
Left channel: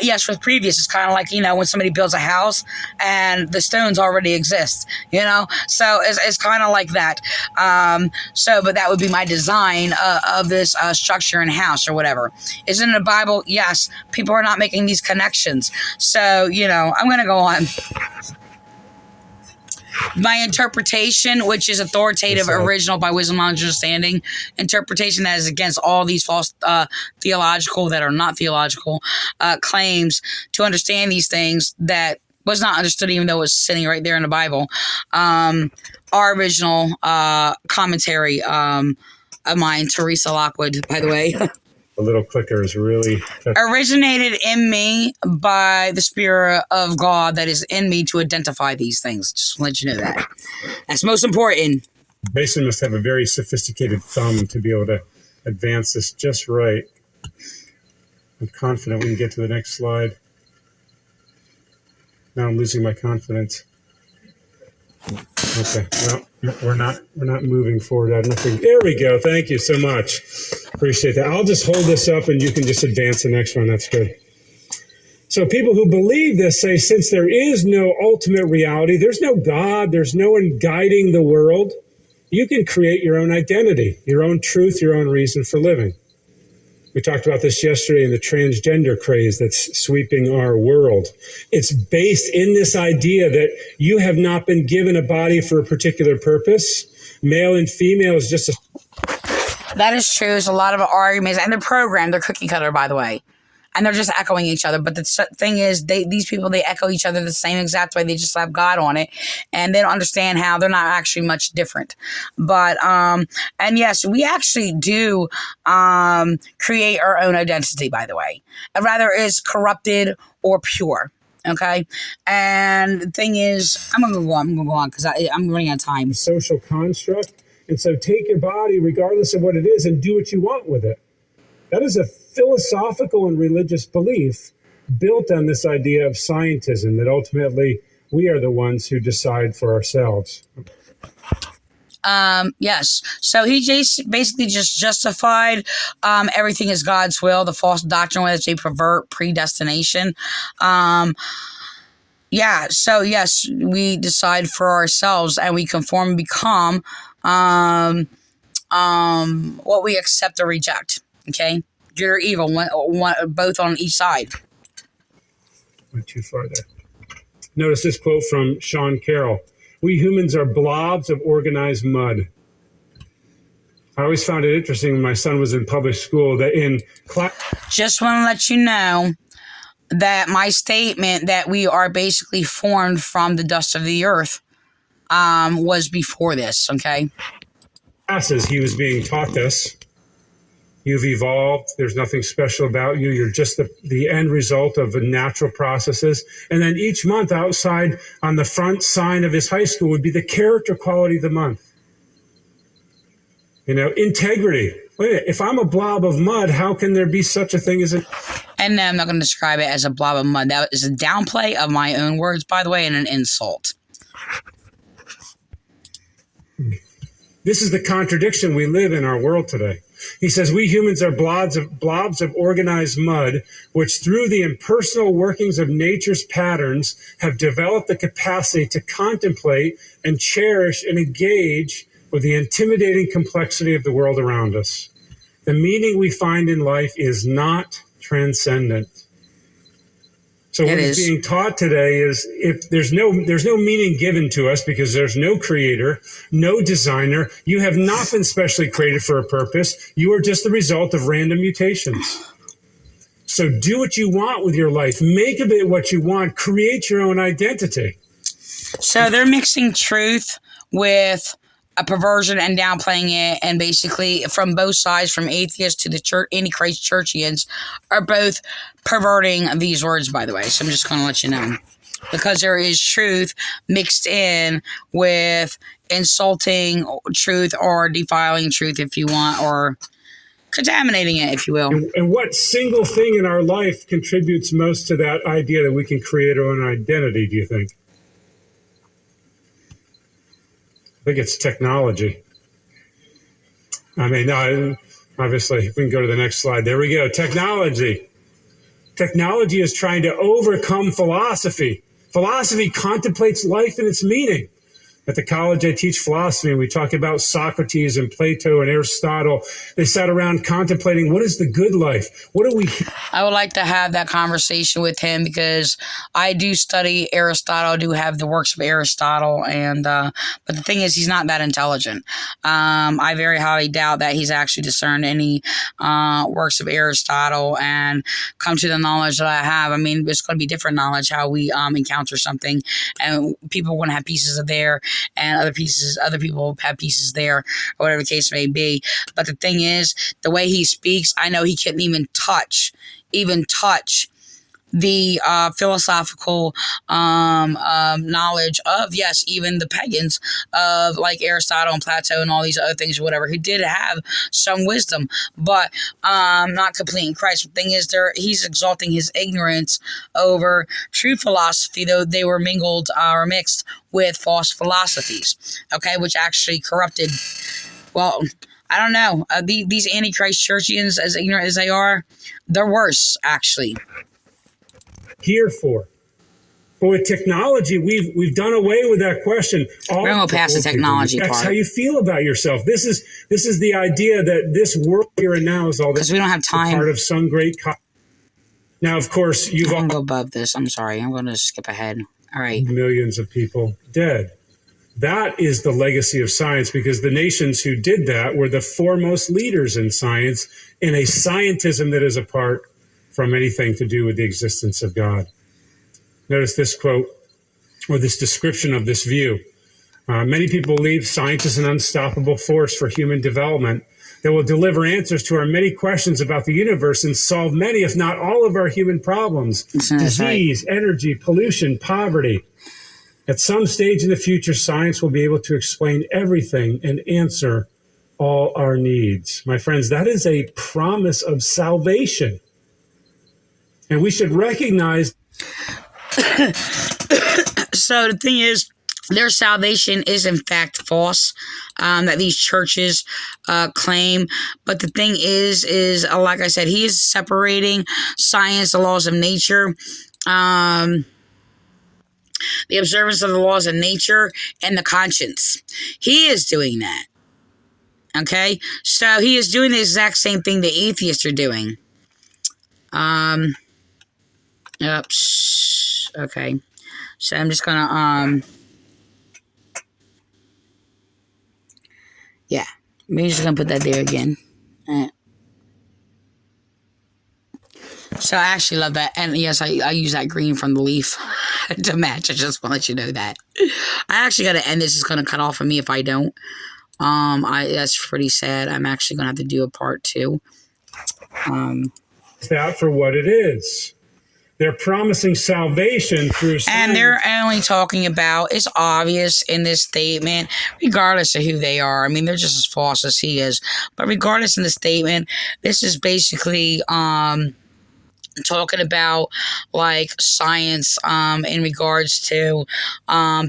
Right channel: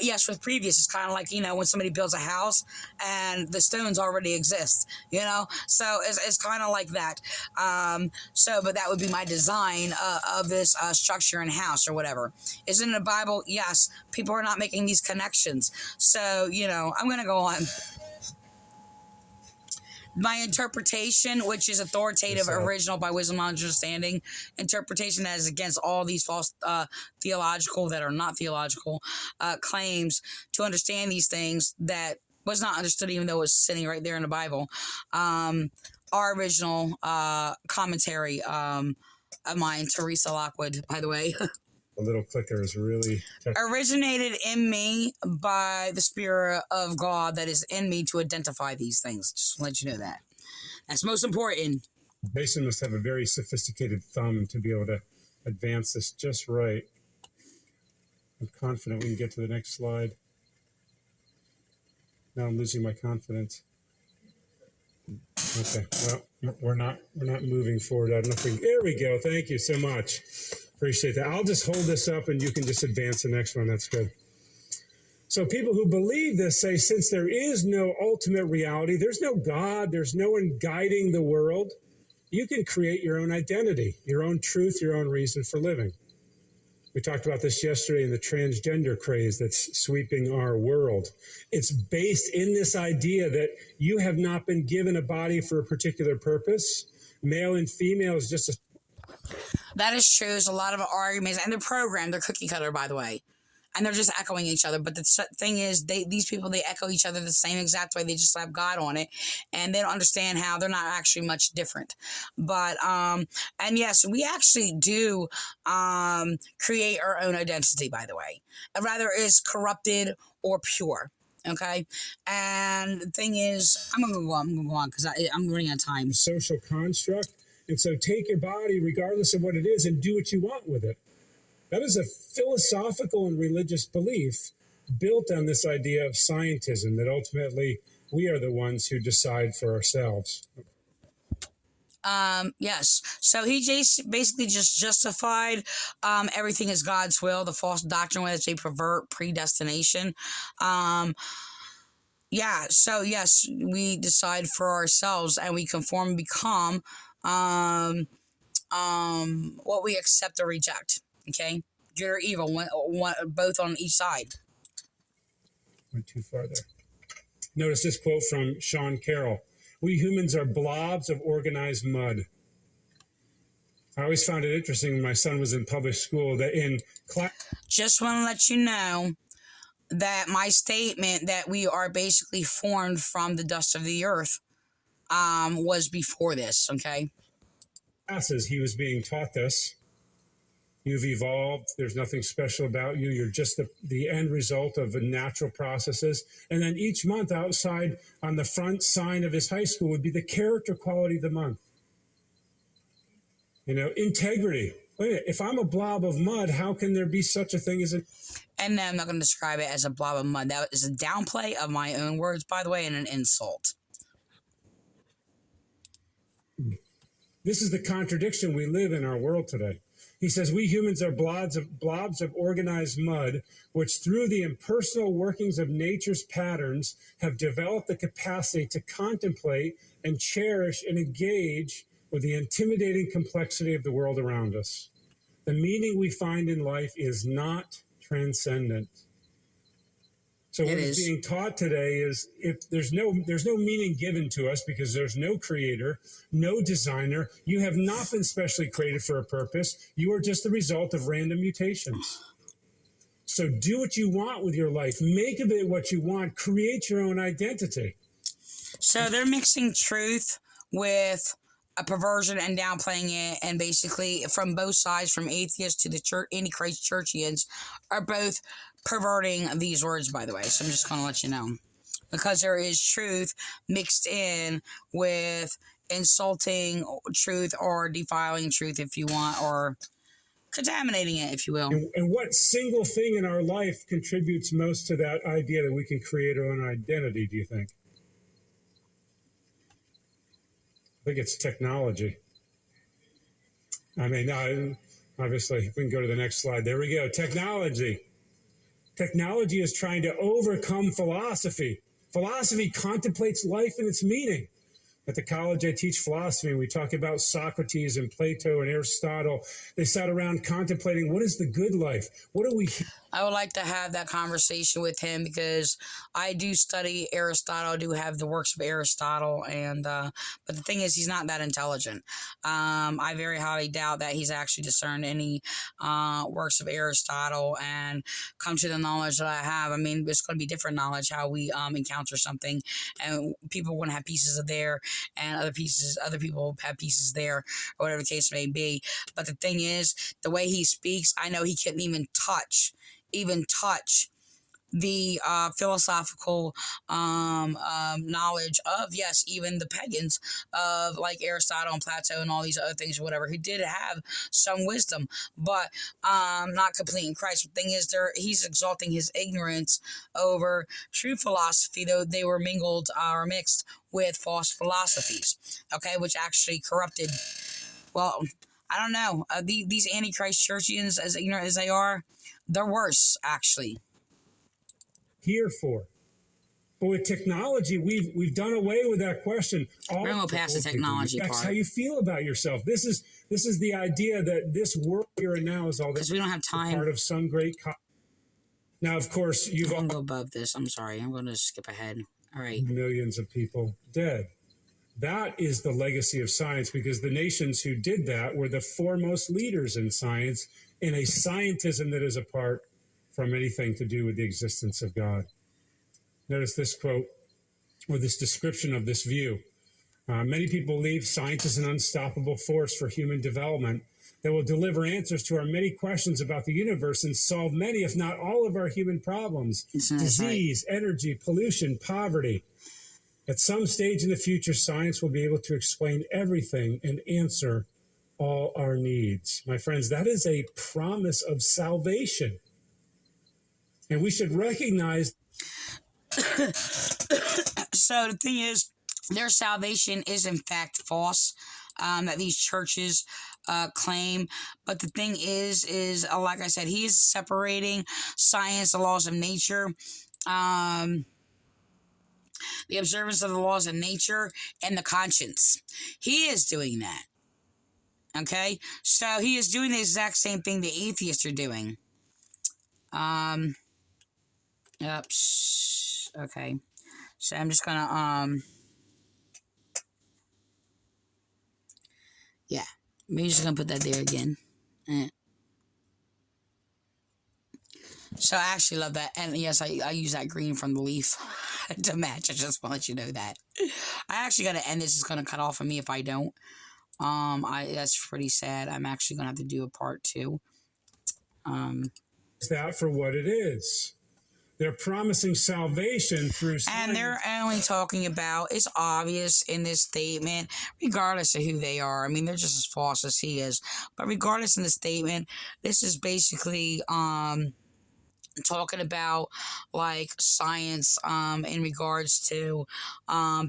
yes, with previous. It's kind of like, when somebody builds a house and the stones already exist, So it's kind of like that. But that would be my design of this structure and house or whatever. Is it in the Bible? Yes, people are not making these connections. So, I'm going to go on. My interpretation, which is authoritative, original by wisdom, knowledge, understanding, interpretation that is against all these false theological, that are not theological, claims to understand these things that was not understood, even though it was sitting right there in the Bible. Our original commentary of mine, Teresa Lockwood, by the way. The little clicker is really originated in me by the Spirit of God that is in me to identify these things. Just to let you know that. That's most important. Mason must have a very sophisticated thumb to be able to advance this just right. I'm confident we can get to the next slide. Now I'm losing my confidence. Okay, no, we're not moving forward. I don't think. There we go. Thank you so much. Appreciate that. I'll just hold this up and you can just advance the next one. That's good. So people who believe this say, since there is no ultimate reality, there's no God, there's no one guiding the world, you can create your own identity, your own truth, your own reason for living. We talked about this yesterday in the transgender craze that's sweeping our world. It's based in this idea that you have not been given a body for a particular purpose. Male and female is just a... That is true. There's a lot of arguments, and they're programmed. They're cookie cutter, by the way. And they're just echoing each other. But the thing is, these people, they echo each other the same exact way. They just have God on it. And they don't understand how they're not actually much different. But, and yes, we actually do create our own identity, by the way. Rather is corrupted or pure. Okay, and the thing is, I'm gonna go on because I'm running out of time. Social construct. And so take your body, regardless of what it is, and do what you want with it. That is a philosophical and religious belief built on this idea of scientism, that ultimately we are the ones who decide for ourselves. Yes. So he basically just justified everything is God's will. The false doctrine was they pervert predestination. Yeah. So yes, we decide for ourselves and we conform and become what we accept or reject. Okay, good or evil, both on each side. Went too far there. Notice this quote from Sean Carroll. We humans are blobs of organized mud. I always found it interesting when my son was in public school that in class. Just want to let you know that my statement that we are basically formed from the dust of the earth was before this, okay? Classes, he was being taught this. You've evolved. There's nothing special about you. You're just the end result of natural processes. And then each month outside on the front sign of his high school would be the character quality of the month. You know, integrity. Wait a minute, if I'm a blob of mud, how can there be such a thing as a... And no, I'm not going to describe it as a blob of mud. That is a downplay of my own words, by the way, and an insult. This is the contradiction we live in our world today. He says, we humans are blobs of organized mud, which through the impersonal workings of nature's patterns have developed the capacity to contemplate and cherish and engage with the intimidating complexity of the world around us. The meaning we find in life is not transcendent. So what is being taught today is if there's no meaning given to us because there's no creator, no designer. You have not been specially created for a purpose. You are just the result of random mutations. So do what you want with your life. Make of it what you want. Create your own identity. So they're mixing truth with a perversion and downplaying it, and basically from both sides, from atheists to the church, Antichrist churchians, are both perverting these words, by the way. So I'm just going to let you know, because there is truth mixed in with insulting truth or defiling truth, if you want, or contaminating it, if you will. And what single thing in our life contributes most to that idea that we can create our own identity, do you think? I think it's technology. I mean, obviously, if we can go to the next slide. There we go. Technology. Technology is trying to overcome philosophy. Philosophy contemplates life and its meaning. At the college, I teach philosophy, and we talk about Socrates and Plato and Aristotle. They sat around contemplating, what is the good life? What do we... I would like to have that conversation with him because I do study Aristotle, I do have the works of Aristotle, and but the thing is, he's not that intelligent. I very highly doubt that he's actually discerned any works of Aristotle and come to the knowledge that I have. I mean, it's going to be different knowledge how we encounter something, and people are going to have pieces of there, and other people have pieces there, or whatever the case may be. But the thing is, the way he speaks, I know he couldn't even touch the philosophical knowledge of, yes, even the pagans of like Aristotle and Plato and all these other things or whatever, who did have some wisdom, but not complete in Christ. The thing is, he's exalting his ignorance over true philosophy, though they were mingled or mixed with false philosophies, okay, which actually corrupted, well, I don't know, these Antichrist churchians, as ignorant as they are, they're worse, actually. Here for. But with technology, we've done away with that question. We're going to go past the technology part. That's how you feel about yourself. This is the idea that this world here and now is all this. Because we don't have time. Part of some great. Now, of course, I'm going to go above this. I'm sorry. I'm going to skip ahead. All right. Millions of people dead. That is the legacy of science, because the nations who did that were the foremost leaders in science, in a scientism that is apart from anything to do with the existence of God. Notice this quote, or this description of this view. Many people believe science is an unstoppable force for human development. that will deliver answers to our many questions about the universe and solve many, if not all, of our human problems. Disease, energy, pollution, poverty. At some stage in the future, science will be able to explain everything and answer all our needs. My friends, that is a promise of salvation. And we should recognize. So the thing is, their salvation is in fact false, that these churches claim. But the thing is like I said, he is separating science, the laws of nature, the observance of the laws of nature, and the conscience. He is doing that. Okay? So he is doing the exact same thing the atheists are doing. Oops. Okay. So I'm just gonna, yeah. Maybe just gonna put that there again. So I actually love that. And yes, I use that green from the leaf to match. I just want to let you know that. I actually got to end this. It's going to cut off of me if I don't. That's pretty sad. I'm actually going to have to do a part 2. That for what it is. They're promising salvation through science. And they're only talking about, it's obvious in this statement, regardless of who they are. I mean, they're just as false as he is. But regardless in the statement, this is basically talking about like science in regards to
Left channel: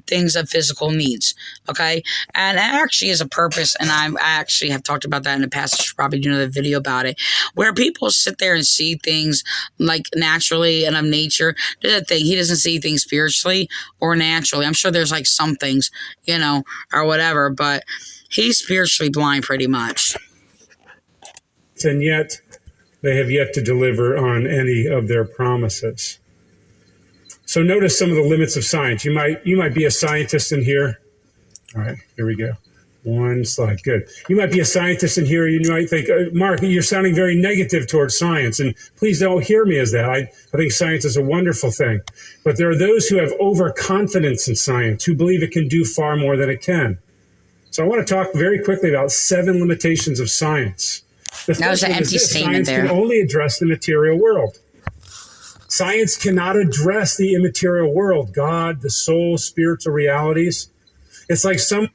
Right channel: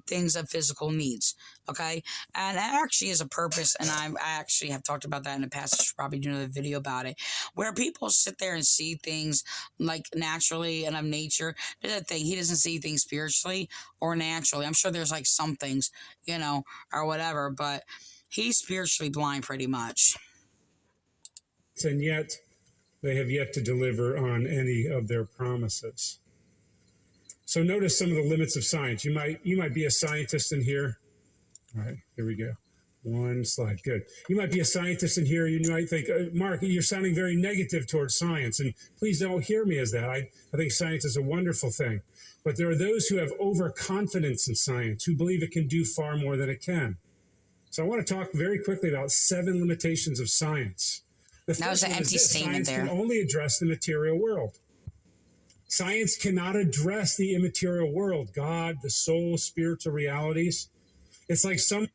things of physical needs. Okay, and it actually is a purpose, and I actually have talked about that in the past. I should probably do another video about it, where people sit there and see things like naturally and of nature. There's a thing, he doesn't see things spiritually or naturally. I'm sure there's like some things, you know, or whatever, but he's spiritually blind pretty much. And yet they have yet to deliver on any of their promises. So notice some of the limits of science. You might be a scientist in here. All right, here we go. One slide, good. You might be a scientist in here. You might think, Mark, you're sounding very negative towards science. And please don't hear me as that. I think science is a wonderful thing. But there are those who have overconfidence in science, who believe it can do far more than it can. So I want to talk very quickly about 7 limitations of science. That was an empty statement there. Science can only address the material world. Science cannot address the immaterial world, God, the soul, spiritual realities. It's like science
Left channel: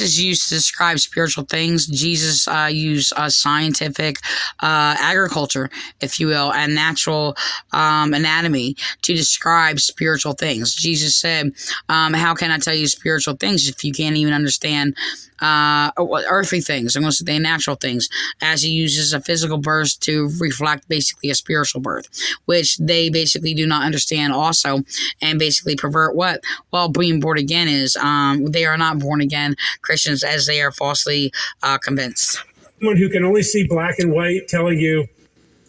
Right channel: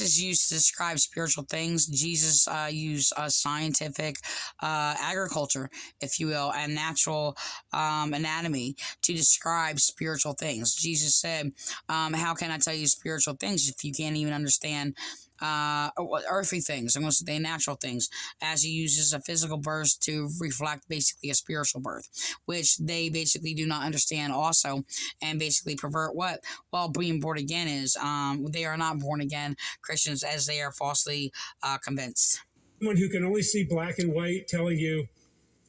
is used to describe spiritual things. Jesus used scientific agriculture, if you will, and natural anatomy to describe spiritual things. Jesus said, how can I tell you spiritual things if you can't even understand earthly things? I'm going to say natural things, as he uses a physical birth to reflect basically a spiritual birth, which they basically do not understand also, and basically pervert what? Well, being born again is. They are not born again Christians, as they are falsely convinced. Someone who can only see black and white telling you,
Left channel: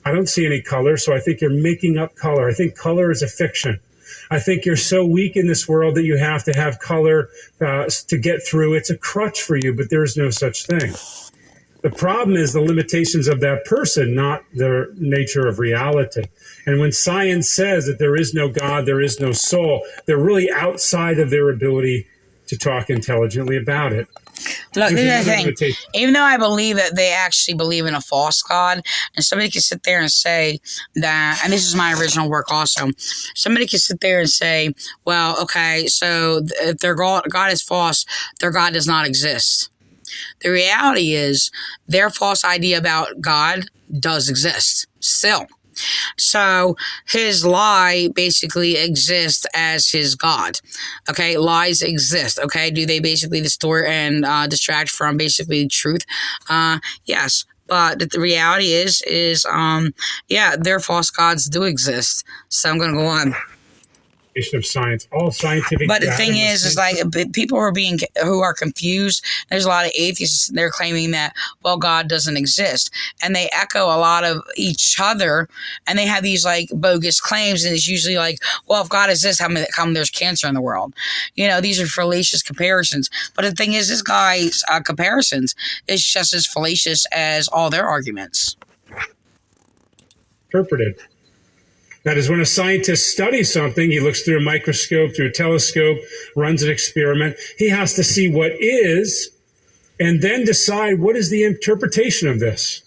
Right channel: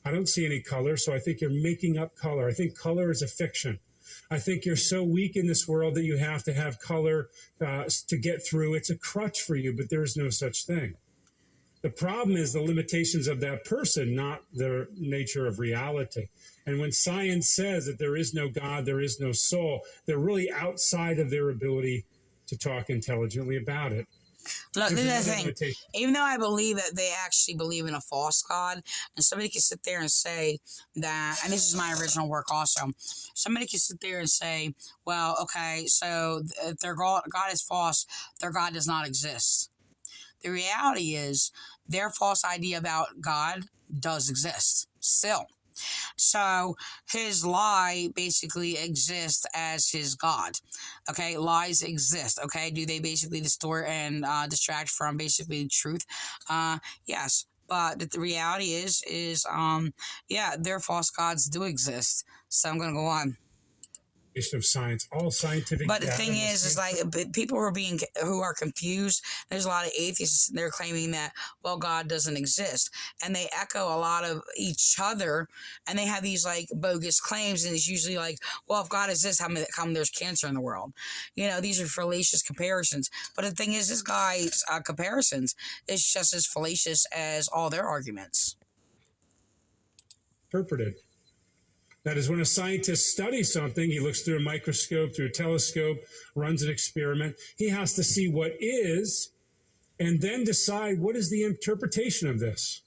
I don't see any color, so I think you're making up color. I think color is a fiction. I think you're so weak in this world that you have to have color to get through. It's a crutch for you, but there's no such thing. The problem is the limitations of that person, not the nature of reality. And when science says that there is no God, there is no soul, they're really outside of their ability to talk intelligently about it. Look, here's the thing. Even though I believe that they actually believe in a false God, and somebody can sit there and say that, and this is my original work also, somebody can sit there and say, well, okay, so if their God is false, their God does not exist. The reality is their false idea about God does exist still. So his lie basically exists as his God. Okay, lies exist. Okay, do they basically distort and distract from basically truth? Yes. But the reality is yeah, their false gods do exist. So I'm gonna go on. Of science, all scientific. But the thing is like people who are confused. There's a lot of atheists. They're claiming that, well, God doesn't exist, and they echo a lot of each other, and they have these like bogus claims. And it's usually like, well, if God exists, how come there's cancer in the world? You know, these are fallacious comparisons. But the thing is, this guy's comparisons is just as fallacious as all their arguments. Interpreted. That is, when a scientist studies something, he looks through a microscope, through a telescope, runs an experiment. He has to see what is and then decide what is the interpretation of this.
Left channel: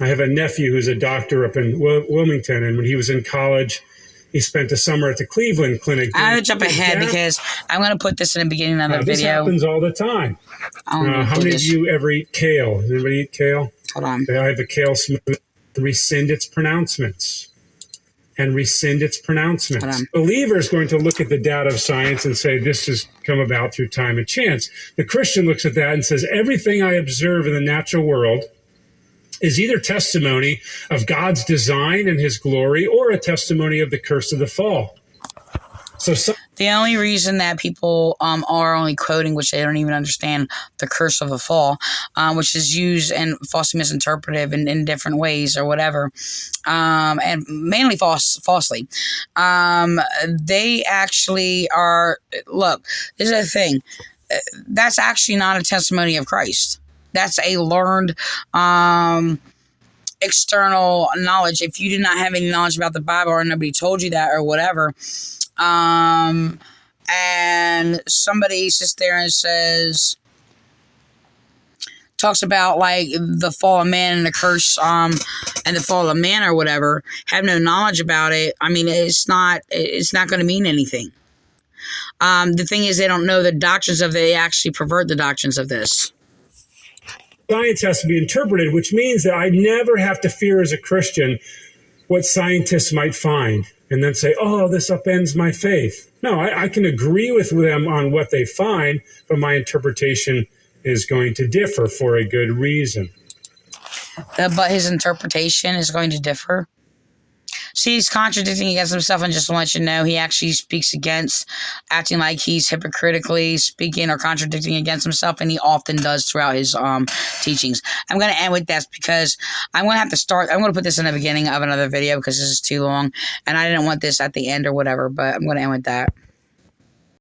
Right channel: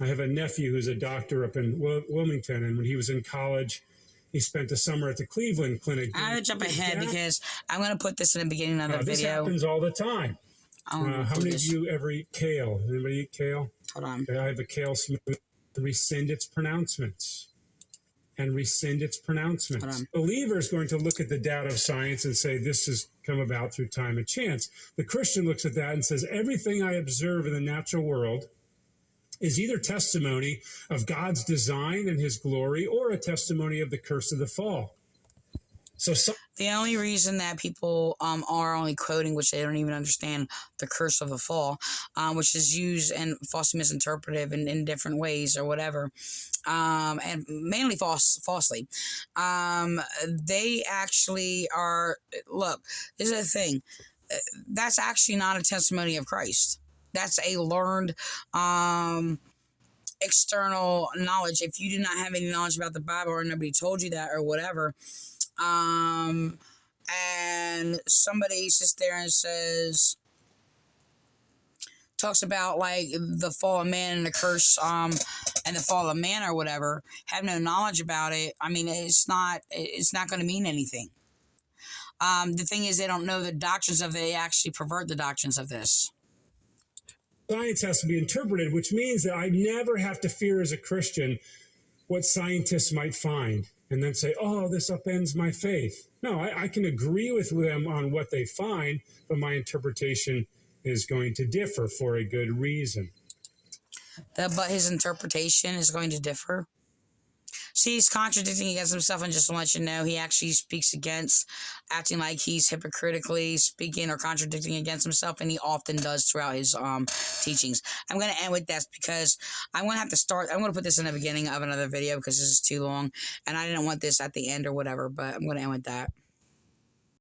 I have a nephew who's a doctor up in Wilmington, and when he was in college, he spent a summer at the Cleveland Clinic. I'm going to jump ahead because I'm going to put this in the beginning of the this video. happens all the time. How many of you ever eat kale? Does anybody eat kale? Hold on. I have a kale smoothie. Rescind its pronouncements. And rescind its pronouncements. Believer is going to look at the data of science and say this has come about through time and chance. The Christian looks at that and says everything I observe in the natural world is either testimony of God's design and his glory or a testimony of the curse of the fall. So the only reason that people are only quoting, which they don't even understand, the curse of the fall, which is used and falsely misinterpreted in different ways or whatever, and mainly falsely. They actually are, look, this is the thing. That's actually not a testimony of Christ. That's a learned external knowledge. If you do not have any knowledge about the Bible or nobody told you that or whatever, and somebody sits there and talks about like the fall of man and the curse, and the fall of man or whatever, have no knowledge about it. I mean, it's not going to mean anything. The thing is, they don't know the doctrines of it. They actually pervert the doctrines of this. Science has to be interpreted, which means that I never have to fear as a Christian what scientists might find and then say, oh, this upends my faith. No, I can agree with them on what they find, but my interpretation is going to differ for a good reason. But his interpretation is going to differ? See, he's contradicting against himself, and just to let you know, he actually speaks against acting like he's hypocritically speaking or contradicting against himself, and he often does throughout his teachings. I'm going to end with this because I'm going to put this in the beginning of another video because this is too long, and I didn't want this at the end or whatever, but I'm going to end with that.